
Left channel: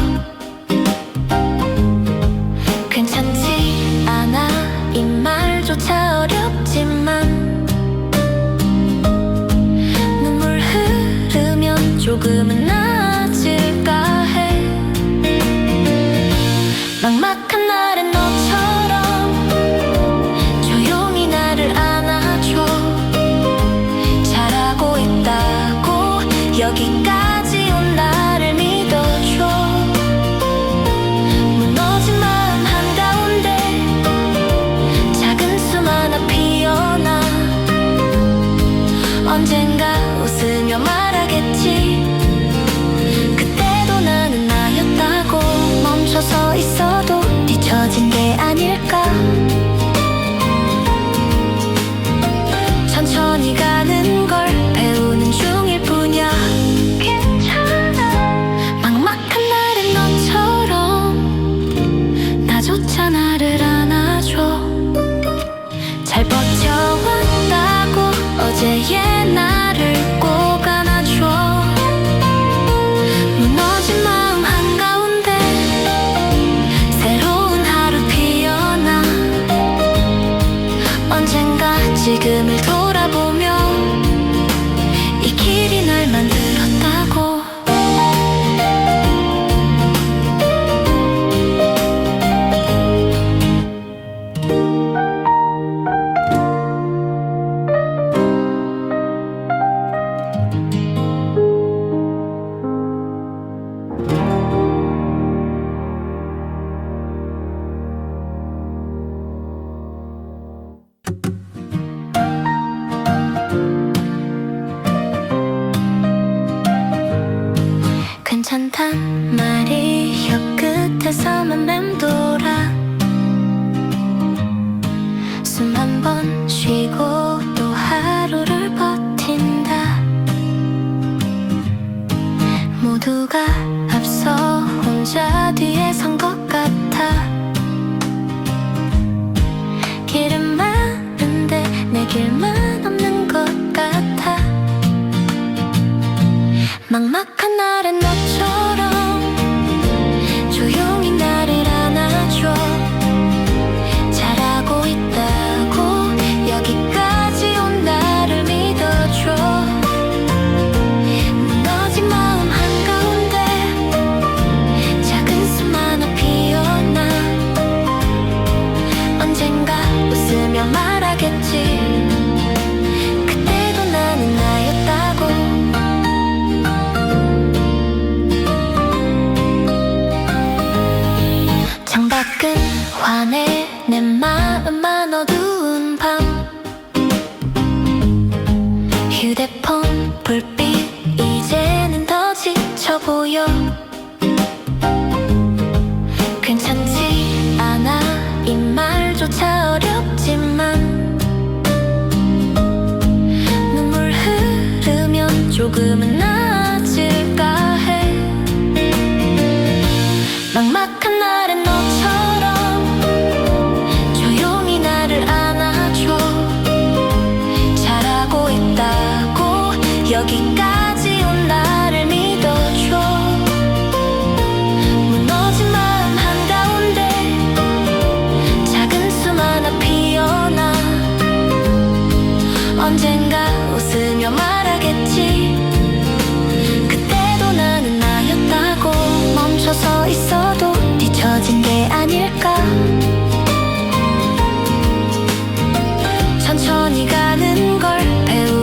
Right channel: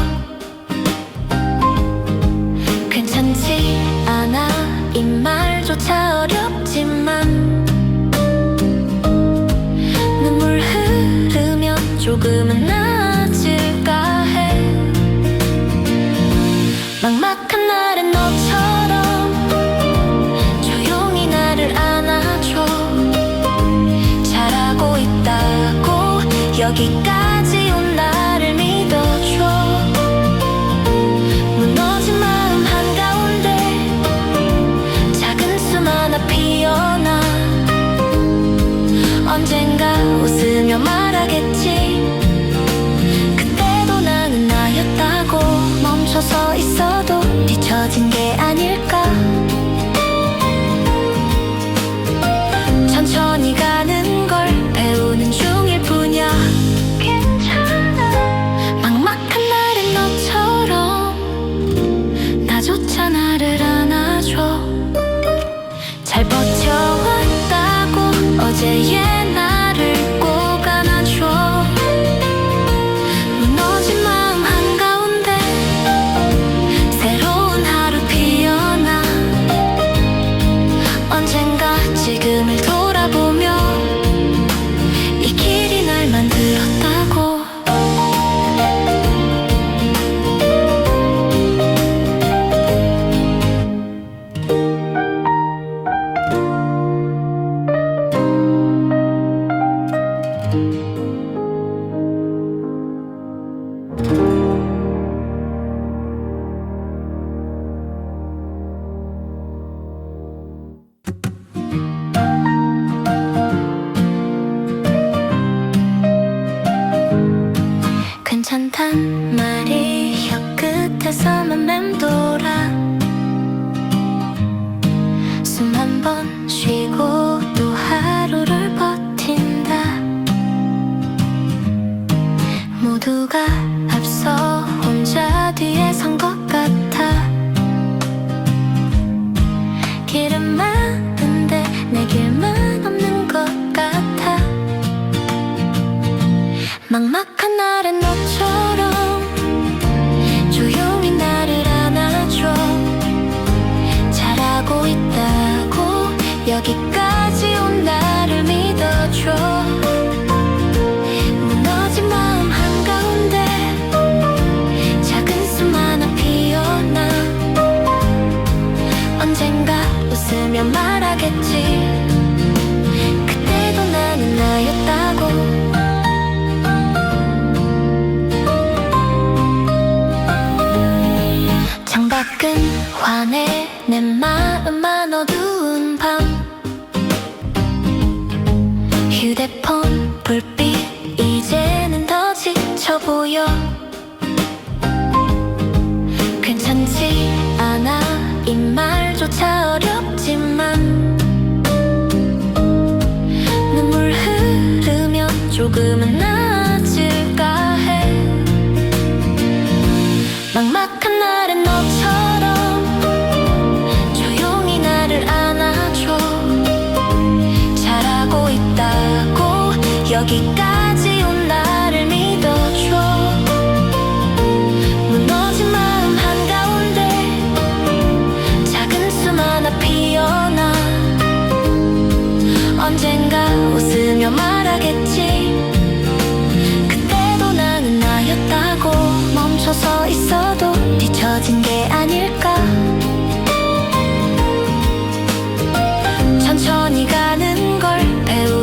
괜찮지 않아 이 말조차 어렵지만 눈물 흐르면 조금은 나아질까 해. 막막한 날엔 너처럼 조용히 나를 안아줘. 잘하고 있다고 여기까지 온 나를 믿어줘. 무너진 마음 한가운데 작은 숨 하나 피어나. 언젠가 웃으며 말하겠지. 그때도 나는 나였다고. 멈춰서 있어도 뒤처진 게 아닐까. 천천히 가는 걸 배우는 중일 뿐이야. 괜찮아. 막막한 날엔 너처럼 나조차 나를 안아줘. 잘 버텨왔다고 어제의 나를 꼭 안아줘. 무너진 마음 한가운데 새로운 하루 피어나. 언젠가 지금을 돌아보며 이 길이 날 만들었다고. 괜찮단 말이 혀끝에서만 맴돌아. 숨 한 번 쉬고 또 하루를 버틴다. 모두가 앞서 혼자 뒤에 선 것 같아. 길은 많은데 내 길만 없는 것 같아. 막막한 날엔 너처럼 조용히 나를 안아줘. 잘하고 있다고 여기까지 온 나를 믿어줘. 무너진 마음 한가운데 작은 숨 하나 피어나. 언젠가 웃으며 말하겠지. 그때도 나는 나였다고. 창밖은 환해 내 마음만 어두운 밤. 휴대폰 불빛 이제는 더 지쳐 보여. 괜찮지 않아 이 말조차 어렵지만 눈물 흐르면 조금은 나아질까 해. 막막한 날엔 너처럼 조용히 나를 안아줘. 잘하고 있다고 여기까지 온 나를 믿어줘. 무너진 마음 한가운데 작은 숨 하나 피어나. 언젠가 웃으며 말하겠지. 그때도 나는 나였다고. 멈춰서 있어도 뒤처진 게 아닐까. 천천히 가는 걸 배우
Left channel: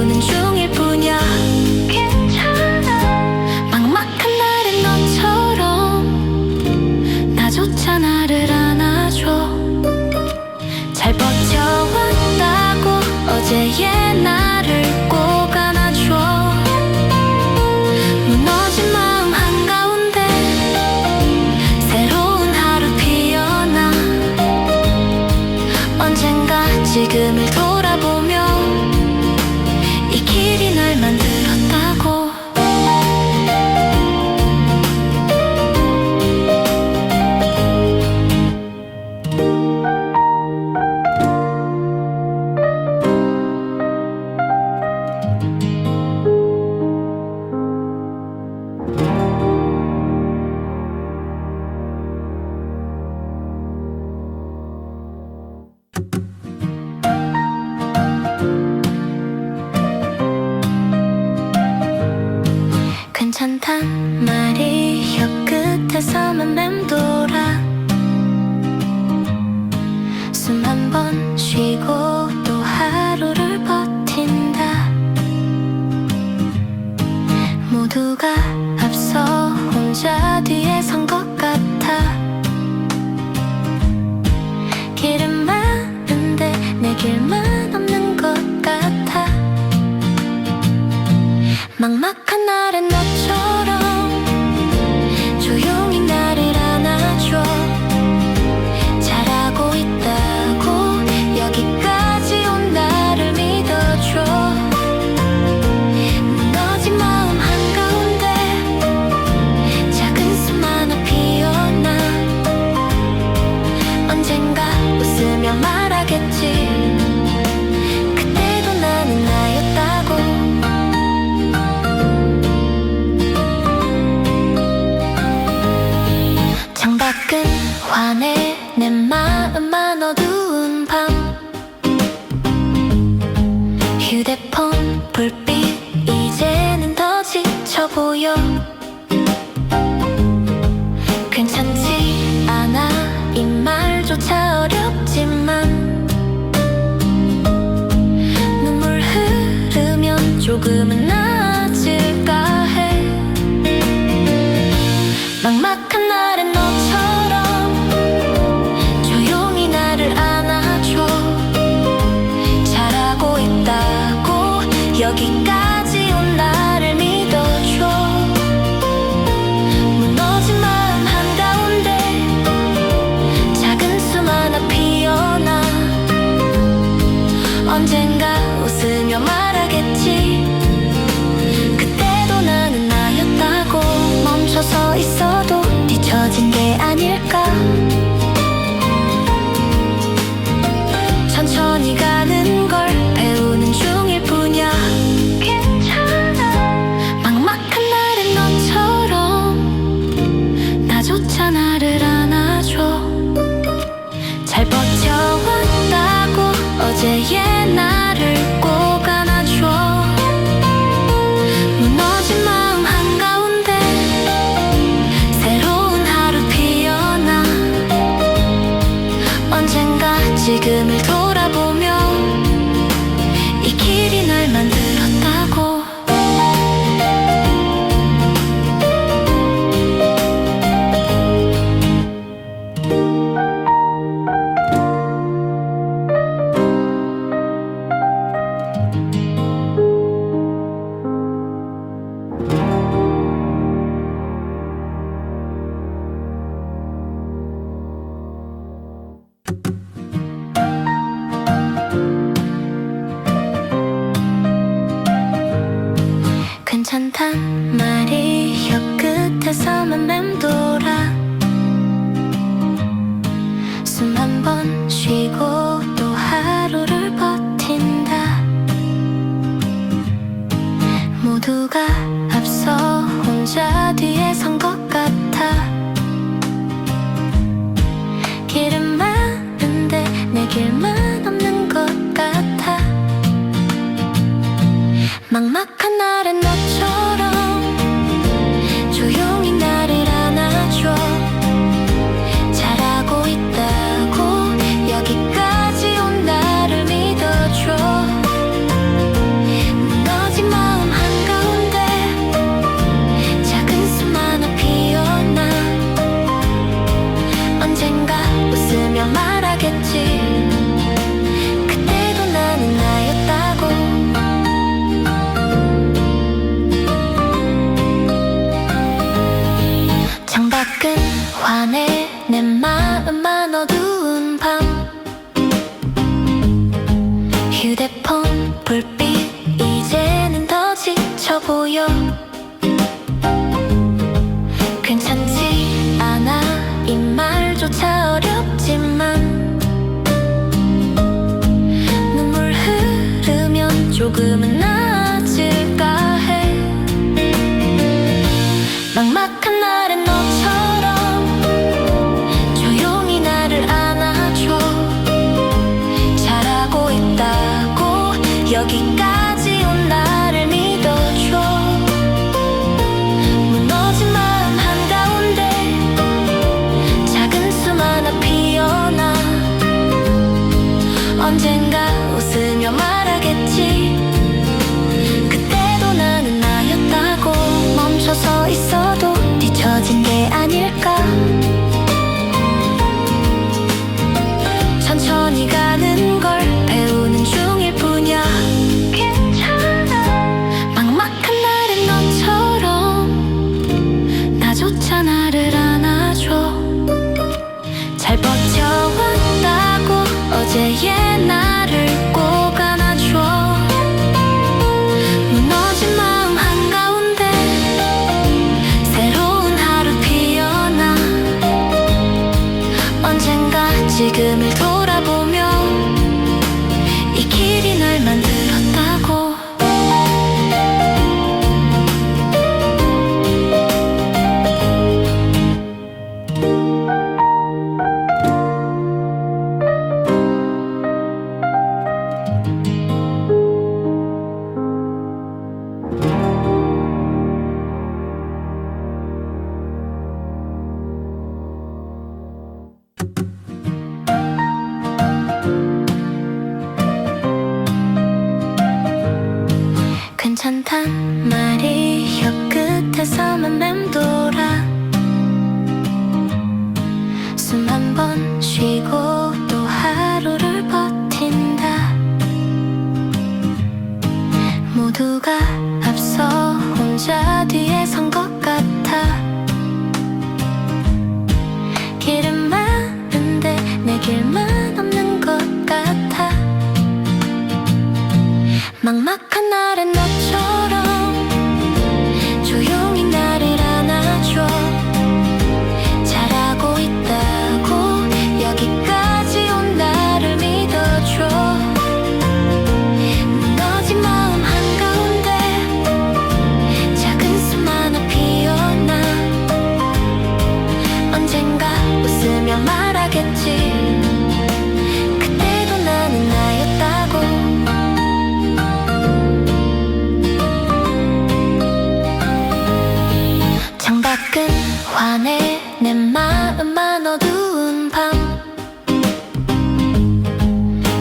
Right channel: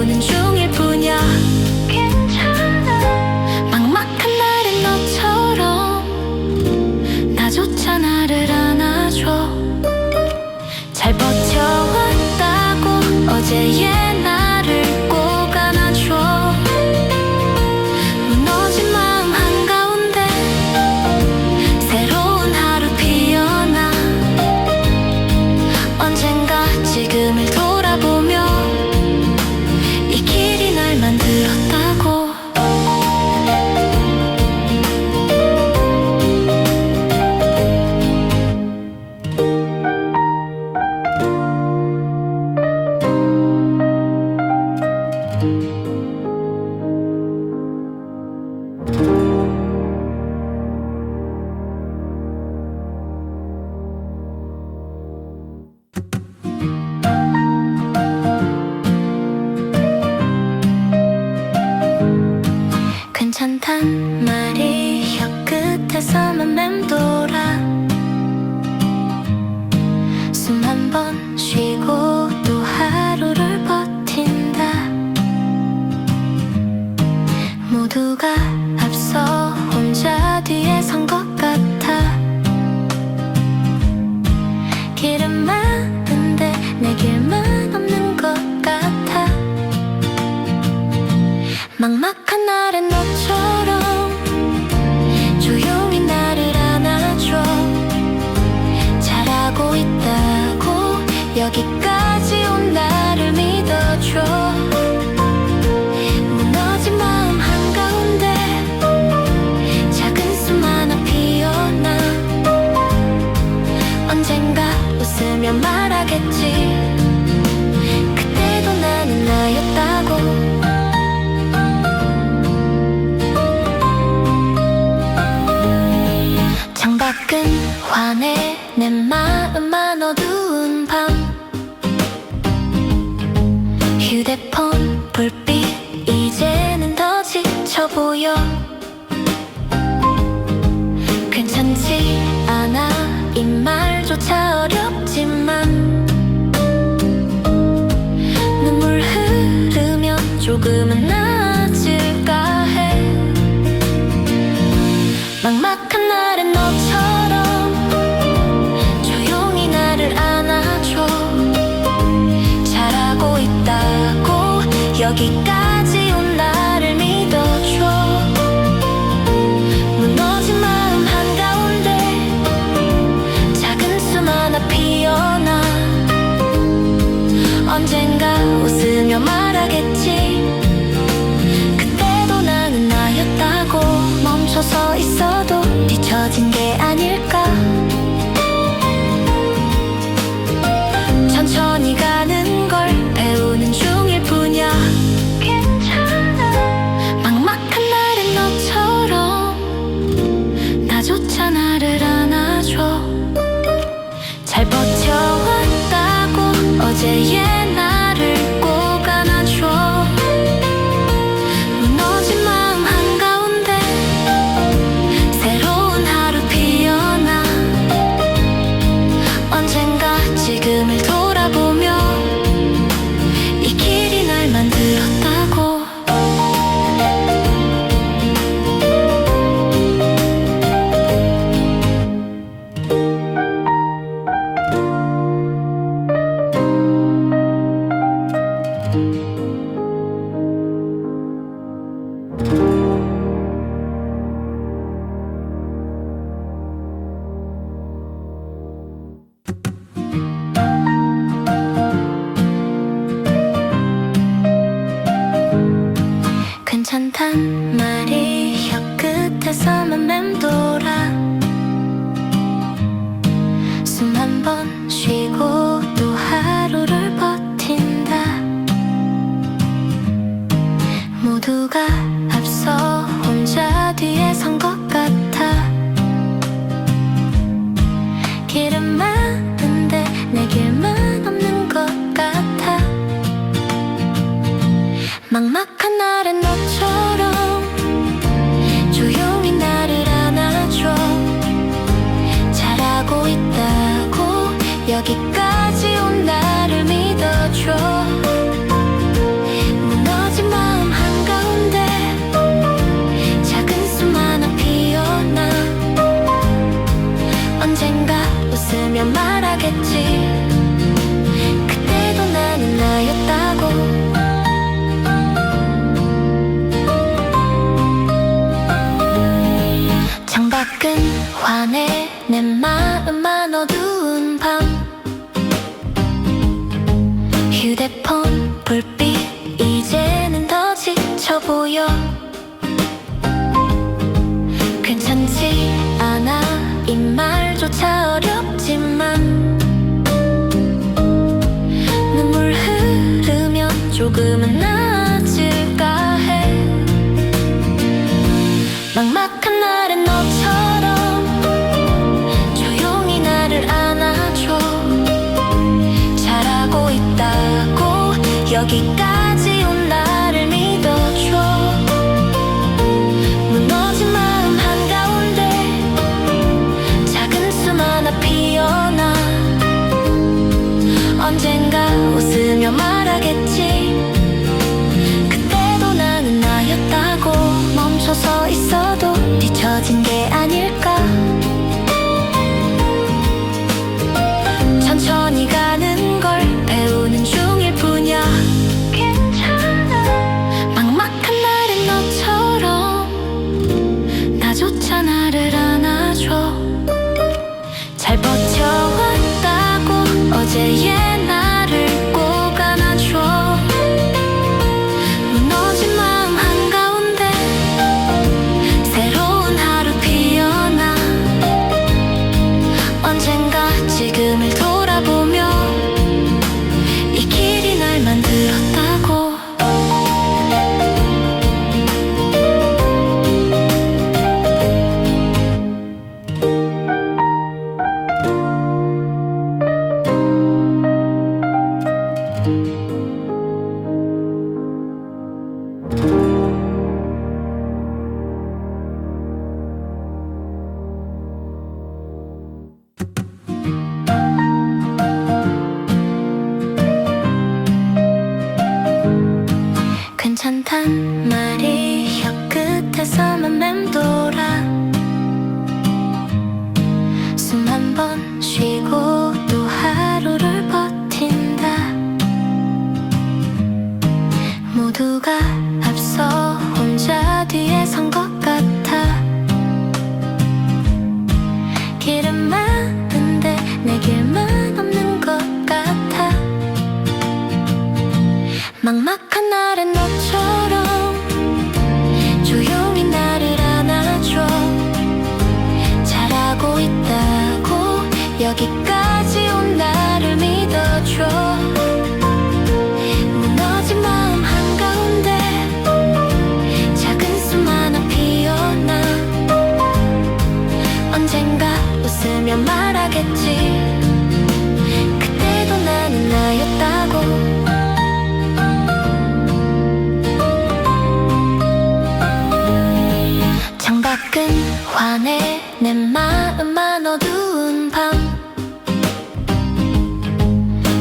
들었다고. 괜찮단 말이 혀끝에서만 맴돌아. 숨 한 번 쉬고 또 하루를 버틴다. 모두가 앞서 혼자 뒤에 선 것 같아. 길은 많은데 내 길만 없는 것 같아. 막막한 날엔 너처럼 조용히 나를 안아줘. 잘하고 있다고 여기까지 온 나를 믿어줘. 무너진 마음 한가운데 작은 숨 하나 피어나. 언젠가 웃으며 말하겠지. 그때도 나는 나였다고. 창밖은 환해 내 마음만 어두운 밤. 휴대폰 불빛 이제는 더 지쳐 보여. 괜찮지 않아 이 말조차 어렵지만 눈물 흐르면 조금은 나아질까 해. 막막한 날엔 너처럼 조용히 나를 안아줘. 잘하고 있다고 여기까지 온 나를 믿어줘. 무너진 마음 한가운데 작은 숨 하나 피어나. 언젠가 웃으며 말하겠지. 그때도 나는 나였다고. 멈춰서 있어도 뒤처진 게 아닐까. 천천히 가는 걸 배우는 중일 뿐이야. 괜찮아. 막막한 날엔 너처럼 나조차 나를 안아줘. 잘 버텨왔다고 어제의 나를 꼭 안아줘. 무너진 마음 한가운데 새로운 하루 피어나. 언젠가 지금을 돌아보며 이 길이 날 만들었다고. 괜찮단 말이 혀끝에서만 맴돌아. 숨 한 번 쉬고 또 하루를 버틴다. 모두가 앞서 혼자 뒤에 선 것 같아. 길은 많은데 내 길만 없는 것 같아. 막막한 날엔 너처럼 조용히 나를 안아줘. 잘하고 있다고 여기까지 온 나를 믿어줘. 무너진 마음 한가운데 작은 숨 하나 피어나. 언젠가 웃으며 말하겠지. 그때도 나는 나였다고. 창밖은 환해 내 마음만 어두운 밤. 휴대폰 불빛 이제는 더 지쳐 보여. 괜찮지 않아 이 말조차 어렵지만 눈물 흐르면 조금은 나아질까 해. 막막한 날엔 너처럼 조용히 나를 안아줘. 잘하고 있다고 여기까지 온 나를 믿어줘. 무너진 마음 한가운데 작은 숨 하나 피어나. 언젠가 웃으며 말하겠지. 그때도 나는 나였다고. 멈춰서 있어도 뒤처진 게 아닐까. 천천히 가는 걸 배우는 중일 뿐이야. 괜찮아. 막막한 날엔 너처럼 나조차 나를 안아줘. 잘 버텨왔다고 어제의 나를 꼭 안아줘. 무너진 마음 한가운데 새로운 하루 피어나. 언젠가 지금을 돌아보며 이 길이 날 만들었다고. 괜찮단 말이 혀끝에서만 맴돌아. 숨 한 번 쉬고 또 하루를 버틴다. 모두가 앞서 혼자 뒤에 선 것 같아. 길은 많은데 내 길만 없는 것 같아. 막막한 날엔 너처럼 조용히 나를 안아줘. 잘하고 있다고 여기까지 온 나를 믿어줘. 무너진 마음 한가운데 작은 숨 하나 피어나. 언젠가 웃으며 말하겠지. 그때도 나는 나였다고. 창밖은 환해 내 마음만 어두운 밤.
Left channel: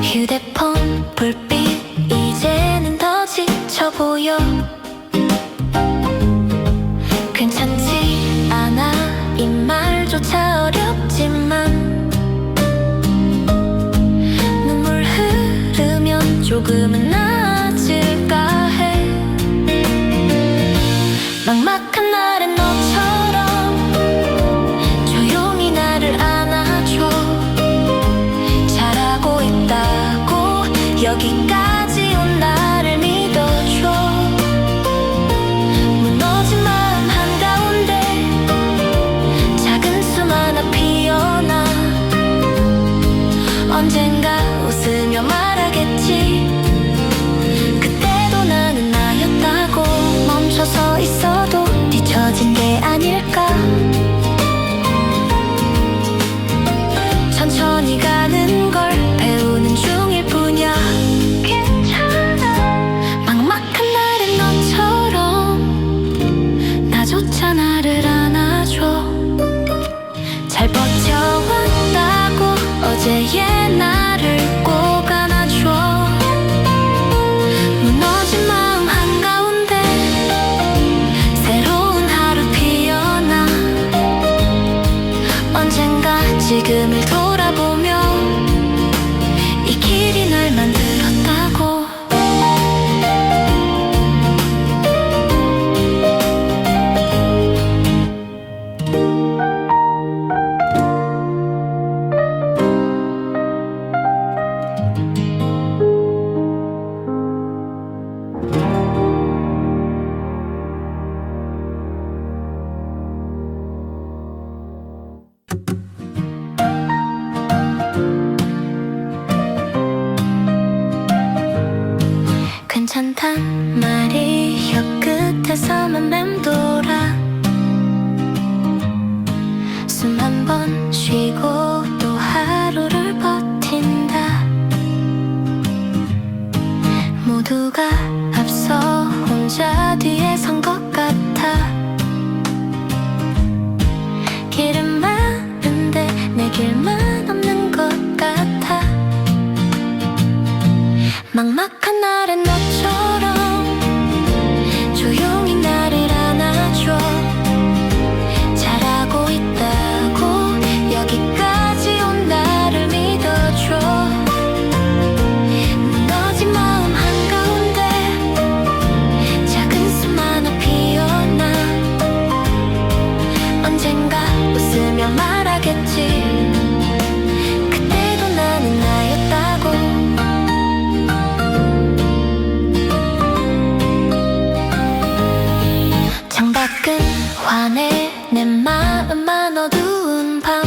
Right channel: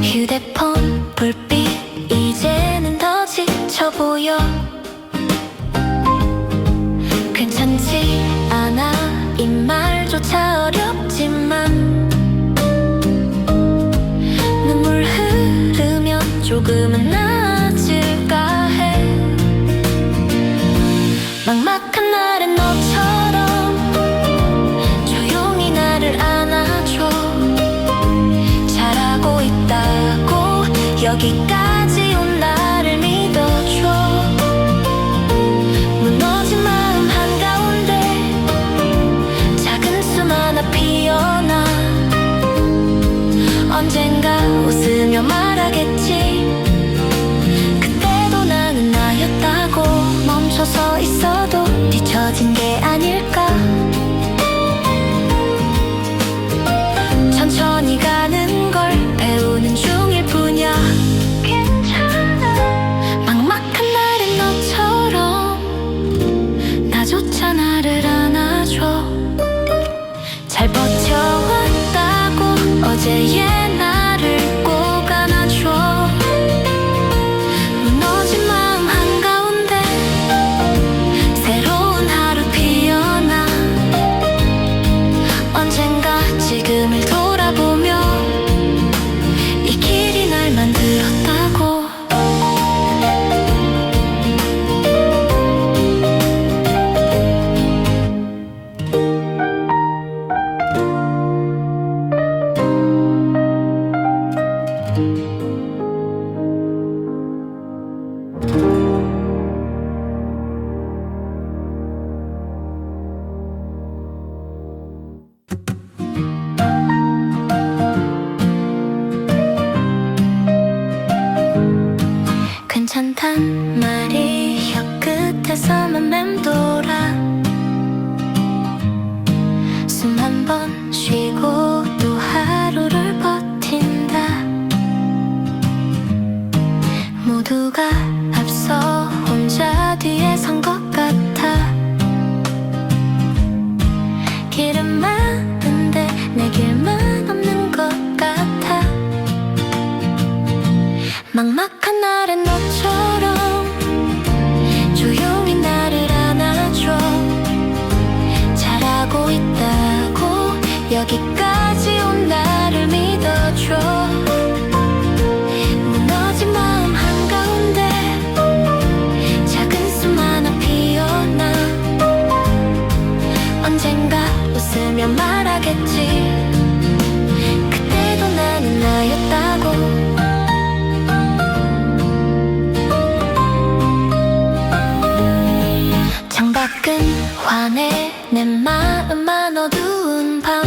휴대폰 불빛 이제는 더 지쳐 보여. 괜찮지 않아 이 말조차 어렵지만 눈물 흐르면 조금은 나아질까 해. 막막한 날엔 너처럼 조용히 나를 안아줘. 잘하고 있다고 여기까지 온 나를 믿어줘. 무너진 마음 한가운데 작은 숨 하나 피어나. 언젠가 웃으며 말하겠지. 그때도 나는 나였다고. 멈춰서 있어도 뒤처진 게 아닐까. 천천히 가는 걸 배우는 중일 뿐이야. 괜찮아. 막막한 날엔 너처럼 나조차 나를 안아줘. 잘 버텨왔다고 어제의 나를 꼭 안아줘. 무너진 마음 한가운데 새로운 하루 피어나. 언젠가 지금을 돌아보며 이 길이 날 만들었다고. 괜찮단 말이 혀끝에서만 맴돌아. 숨 한 번 쉬고 또 하루를 버틴다. 모두가 앞서 혼자 뒤에 선 것 같아. 길은 많은데 내 길만 없는 것 같아. 막막한 날엔 너처럼 조용히 나를 안아줘. 잘하고 있다고 여기까지 온 나를 믿어줘. 무너진 마음 한가운데 작은 숨 하나 피어나. 언젠가 웃으며 말하겠지. 그때도 나는 나였다고. 창밖은 환해 내 마음만 어두운 밤.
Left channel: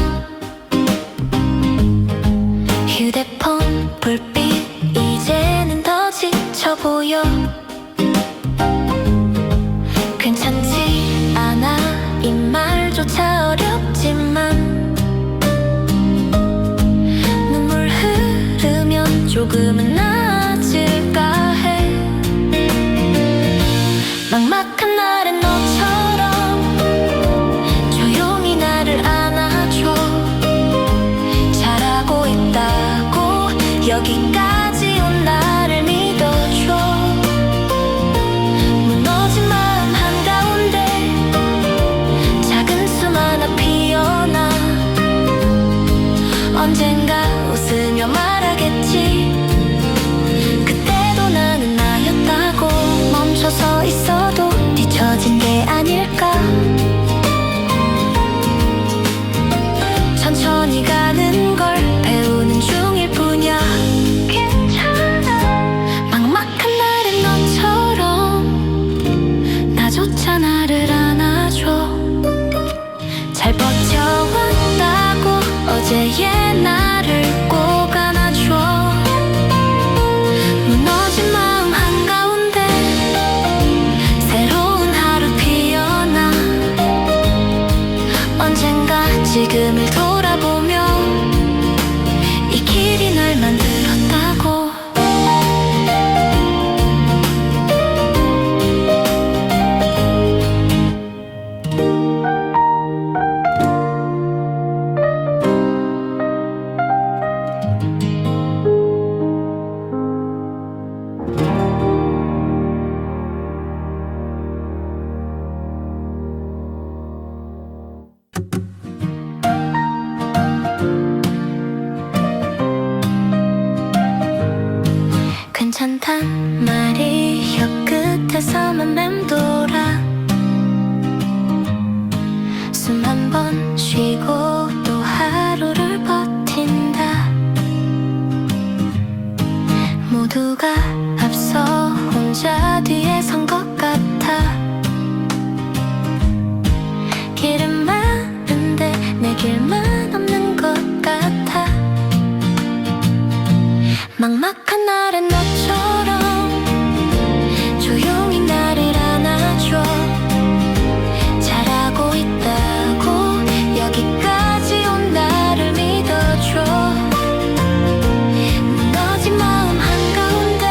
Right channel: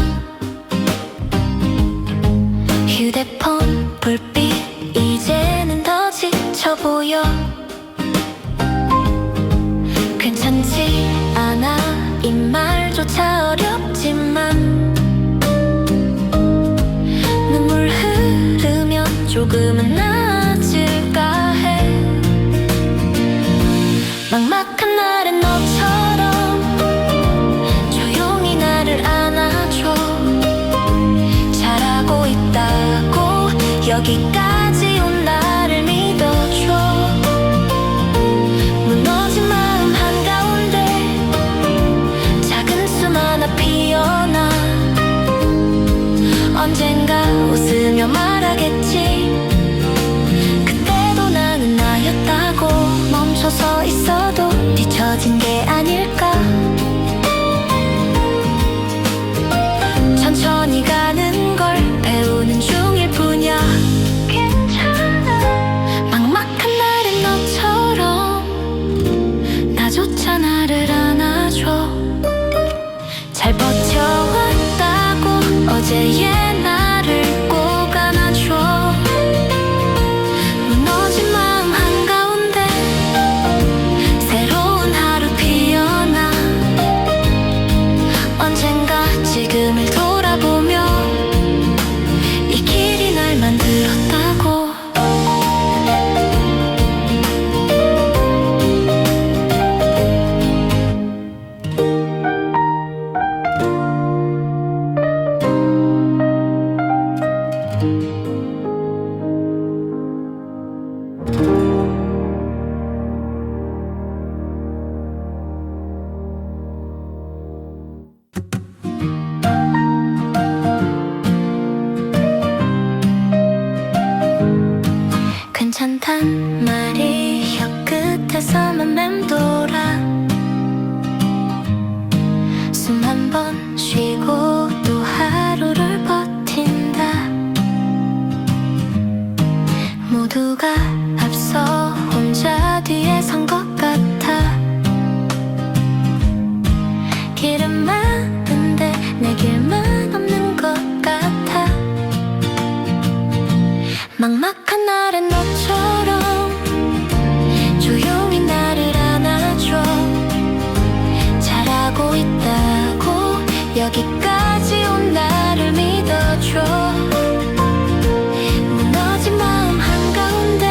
휴대폰 불빛 이제는 더 지쳐 보여. 괜찮지 않아 이 말조차 어렵지만 눈물 흐르면 조금은 나아질까 해. 막막한 날엔 너처럼 조용히 나를 안아줘. 잘하고 있다고 여기까지 온 나를 믿어줘. 무너진 마음 한가운데 작은 숨 하나 피어나. 언젠가 웃으며 말하겠지. 그때도 나는 나였다고. 멈춰서 있어도 뒤처진 게 아닐까. 천천히 가는 걸 배우는 중일 뿐이야. 괜찮아. 막막한 날엔 너처럼 나조차 나를 안아줘. 잘 버텨왔다고 어제의 나를 꼭 안아줘. 무너진 마음 한가운데 새로운 하루 피어나. 언젠가 지금을 돌아보며 이 길이 날 만들었다고. 괜찮단 말이 혀끝에서만 맴돌아. 숨 한 번 쉬고 또 하루를 버틴다. 모두가 앞서 혼자 뒤에 선 것 같아. 길은 많은데 내 길만 없는 것 같아. 막막한 날엔 너처럼 조용히 나를 안아줘. 잘하고 있다고 여기까지 온 나를 믿어줘. 무너진 마음 한가운데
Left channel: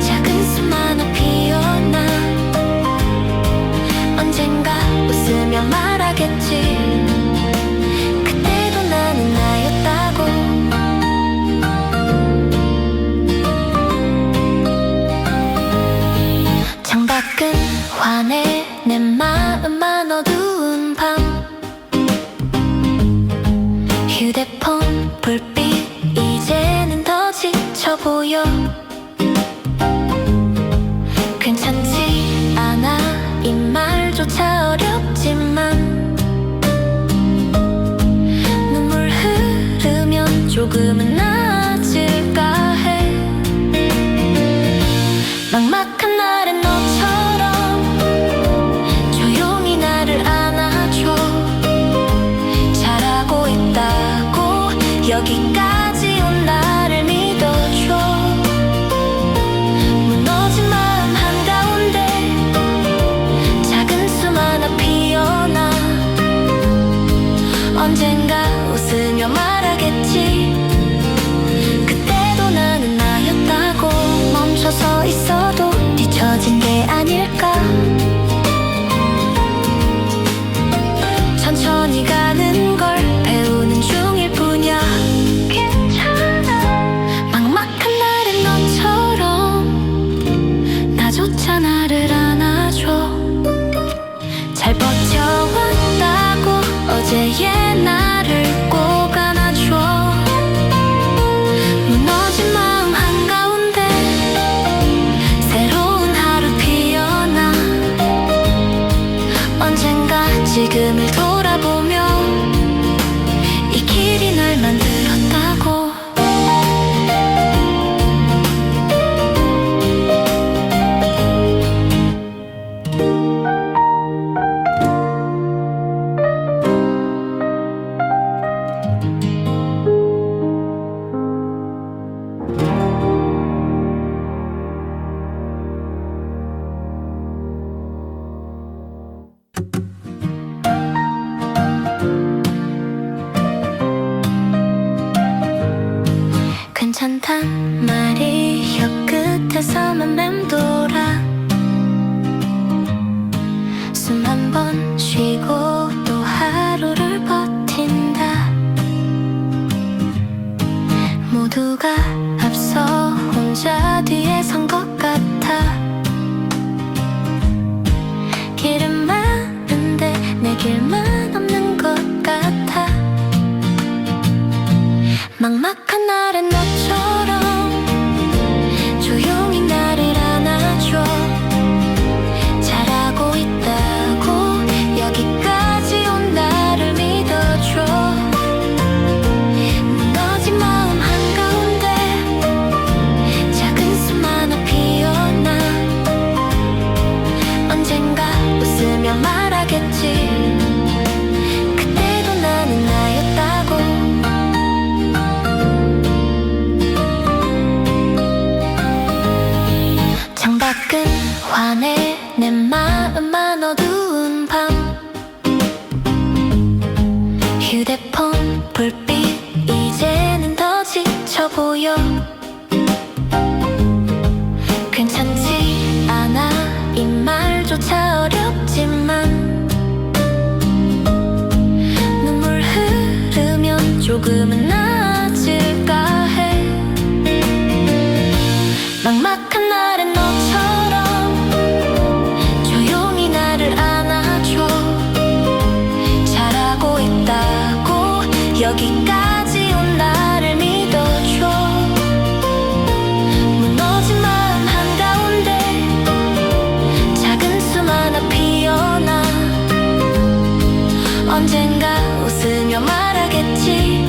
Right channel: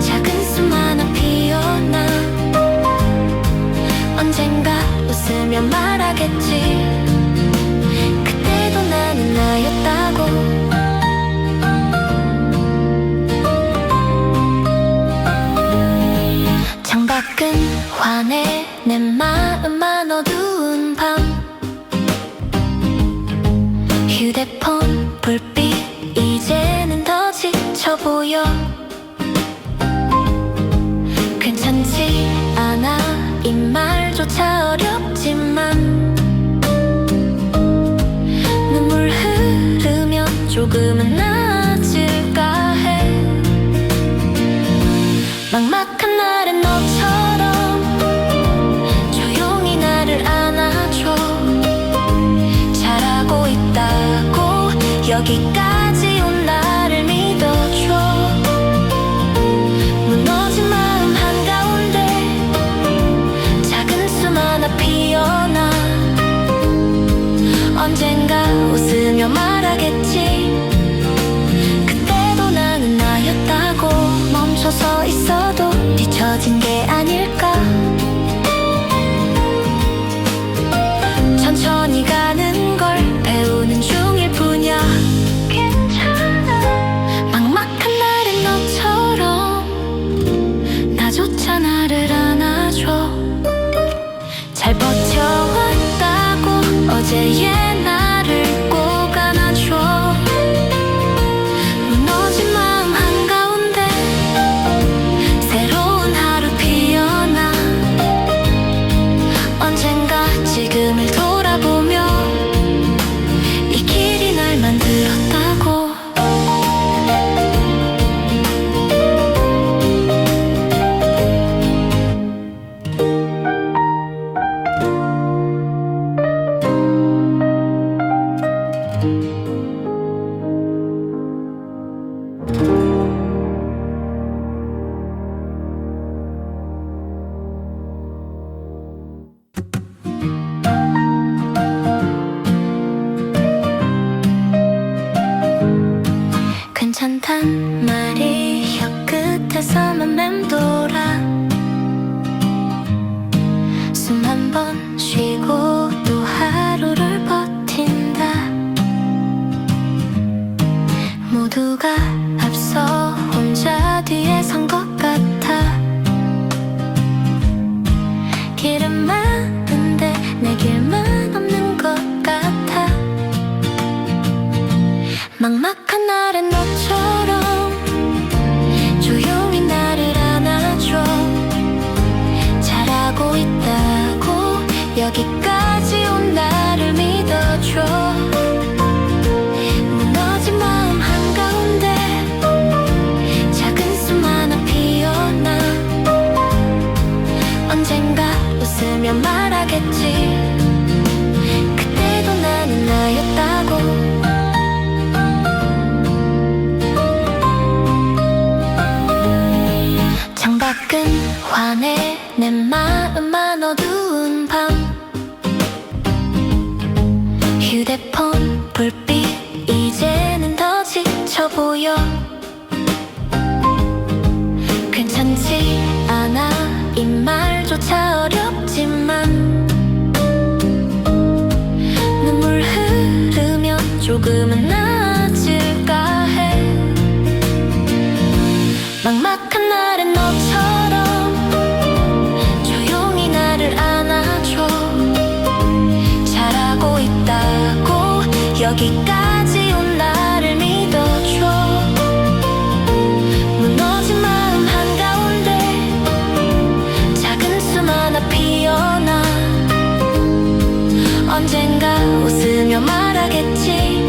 작은 숨 하나 피어나. 언젠가 웃으며 말하겠지. 그때도 나는 나였다고. 창밖은 환해 내 마음만 어두운 밤. 휴대폰 불빛 이제는 더 지쳐 보여. 괜찮지 않아 이 말조차 어렵지만 눈물 흐르면 조금은 나아질까 해. 막막한 날엔 너처럼 조용히 나를 안아줘. 잘하고 있다고 여기까지 온 나를 믿어줘. 아닐까. 천천히 가는 걸 배우는 중일 뿐이야. 괜찮아. 막막한 날엔 너처럼 나조차 나를 안아줘. 잘 버텨왔다고 어제의 나를 꼭 안아줘. 무너진 마음 한가운데 새로운 하루 피어나. 언젠가 지금을 돌아보며 이 길이 날 만들었다고. 괜찮단 말이 혀끝에서만 맴돌아. 숨 한 번 쉬고 또 하루를 버틴다. 모두가 앞서 혼자 뒤에 선 것 같아. 길은 많은데 내 길만 없는 것 같아. 막막한 날엔 너처럼 조용히 나를 안아줘. 잘하고 있다고 여기까지 온 나를 믿어줘. 무너진 마음 한가운데 작은 숨 하나 피어나. 언젠가 웃으며 말하겠지. 그때도 나는 나였다고. 창밖은 환해 내 마음만 어두운 밤. 휴대폰 불빛 이제는 더 지쳐 보여. 괜찮지 않아 이 말조차 어렵지만 눈물 흐르면 조금은 나아질까 해. 막막한 날엔 너처럼 조용히 나를 안아줘. 잘하고 있다고 여기까지 온 나를 믿어줘. 무너진 마음 한가운데 작은 숨 하나 피어나. 언젠가 웃으며 말하겠지.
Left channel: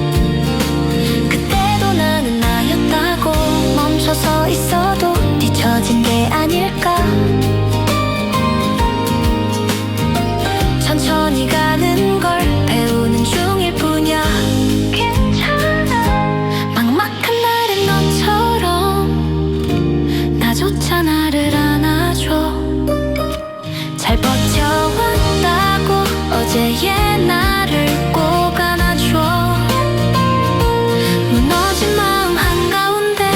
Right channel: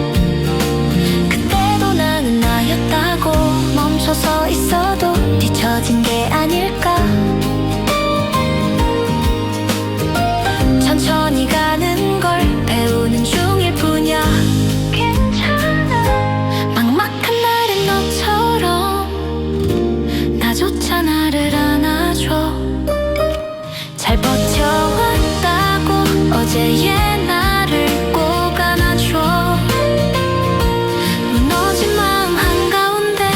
그때도 나는 나였다고. 멈춰서 있어도 뒤처진 게 아닐까. 천천히 가는 걸 배우는 중일 뿐이야. 괜찮아. 막막한 날엔 너처럼 나조차 나를 안아줘. 잘 버텨왔다고 어제의 나를 꼭 안아줘. 무너진 마음 한가운데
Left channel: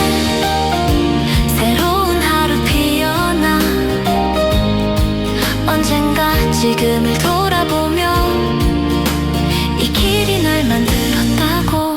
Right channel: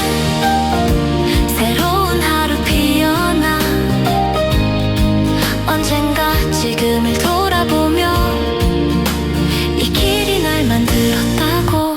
새로운 하루 피어나. 언젠가 지금을 돌아보며 이 길이 날 만들었다고.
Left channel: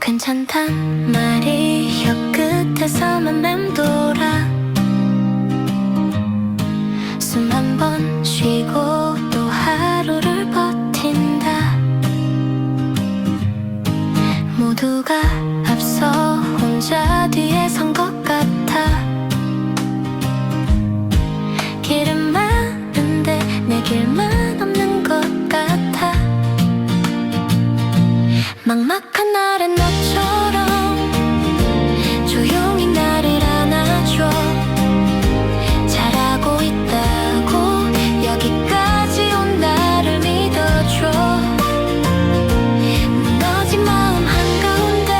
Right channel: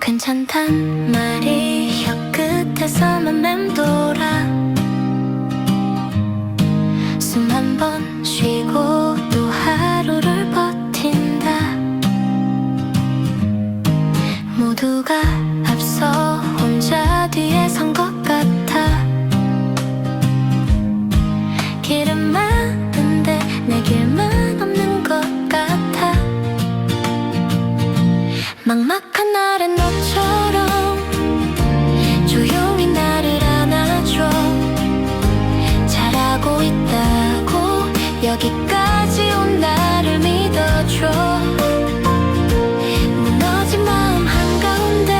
괜찮단 말이 혀끝에서만 맴돌아. 숨 한 번 쉬고 또 하루를 버틴다. 모두가 앞서 혼자 뒤에 선 것 같아. 길은 많은데 내 길만 없는 것 같아. 막막한 날엔 너처럼 조용히 나를 안아줘. 잘하고 잘하고 있다고 여기까지 온 나를 믿어줘. 무너진 마음 한가운데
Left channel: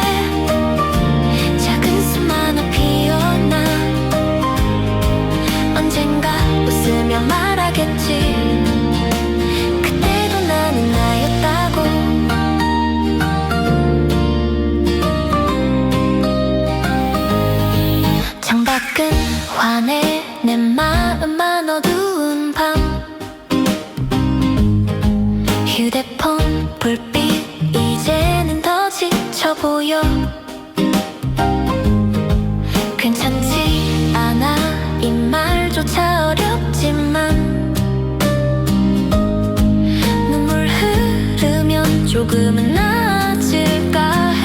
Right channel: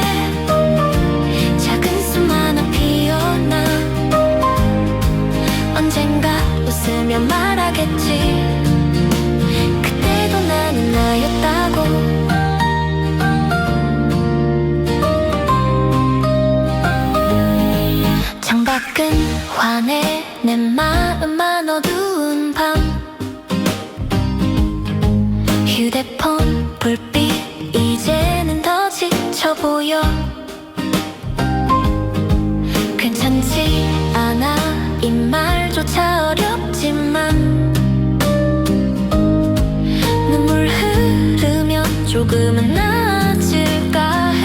작은 숨 하나 피어나 언젠가 웃으며 말하겠지. 그때도 나는 나였다고. 창밖은 환해 내 마음만 어두운 밤. 휴대폰 불빛 이제는 더 지쳐 보여. 괜찮지 않아 이 말조차 어렵지만 눈물 흐르면 조금은 나아질까 해.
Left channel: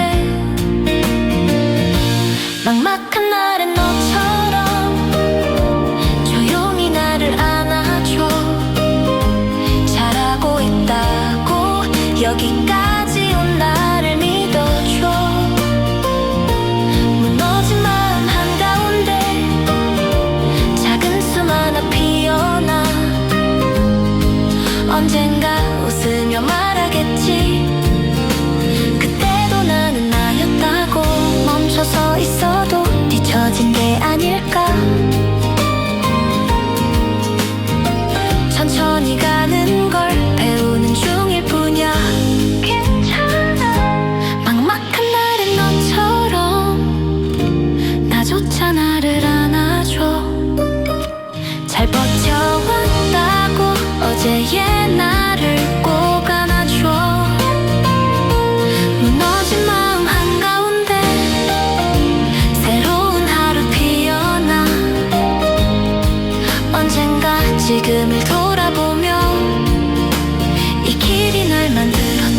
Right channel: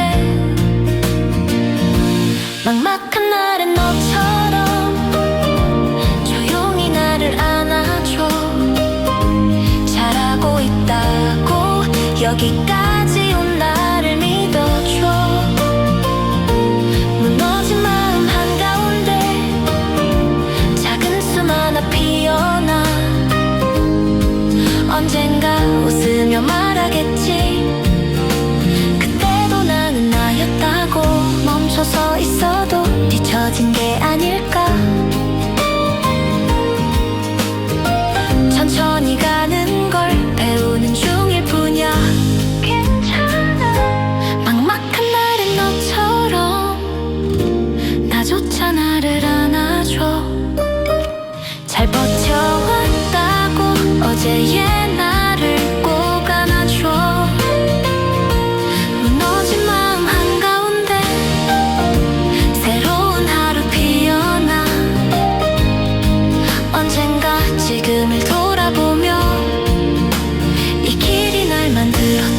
막막한 날엔 너처럼 조용히 나를 안아줘. 잘하고 있다고 여기까지 온 나를 믿어줘. 무너진 마음 한가운데 작은 숨 하나 피어나 언젠가 웃으며 말하겠지. 그때도 나는 나였다고. 멈춰서 있어도 뒤처진 게 아닐까. 천천히 가는 걸 배우는 중일 뿐이야. 괜찮아. 막막한 날엔 너처럼 나조차 나를 안아줘. 잘 버텨왔다고 어제의 나를 꼭 안아줘. 무너진 마음 한가운데 새로운 하루 피어나 언젠가 지금을 돌아보며 이 길이 날 만들었다.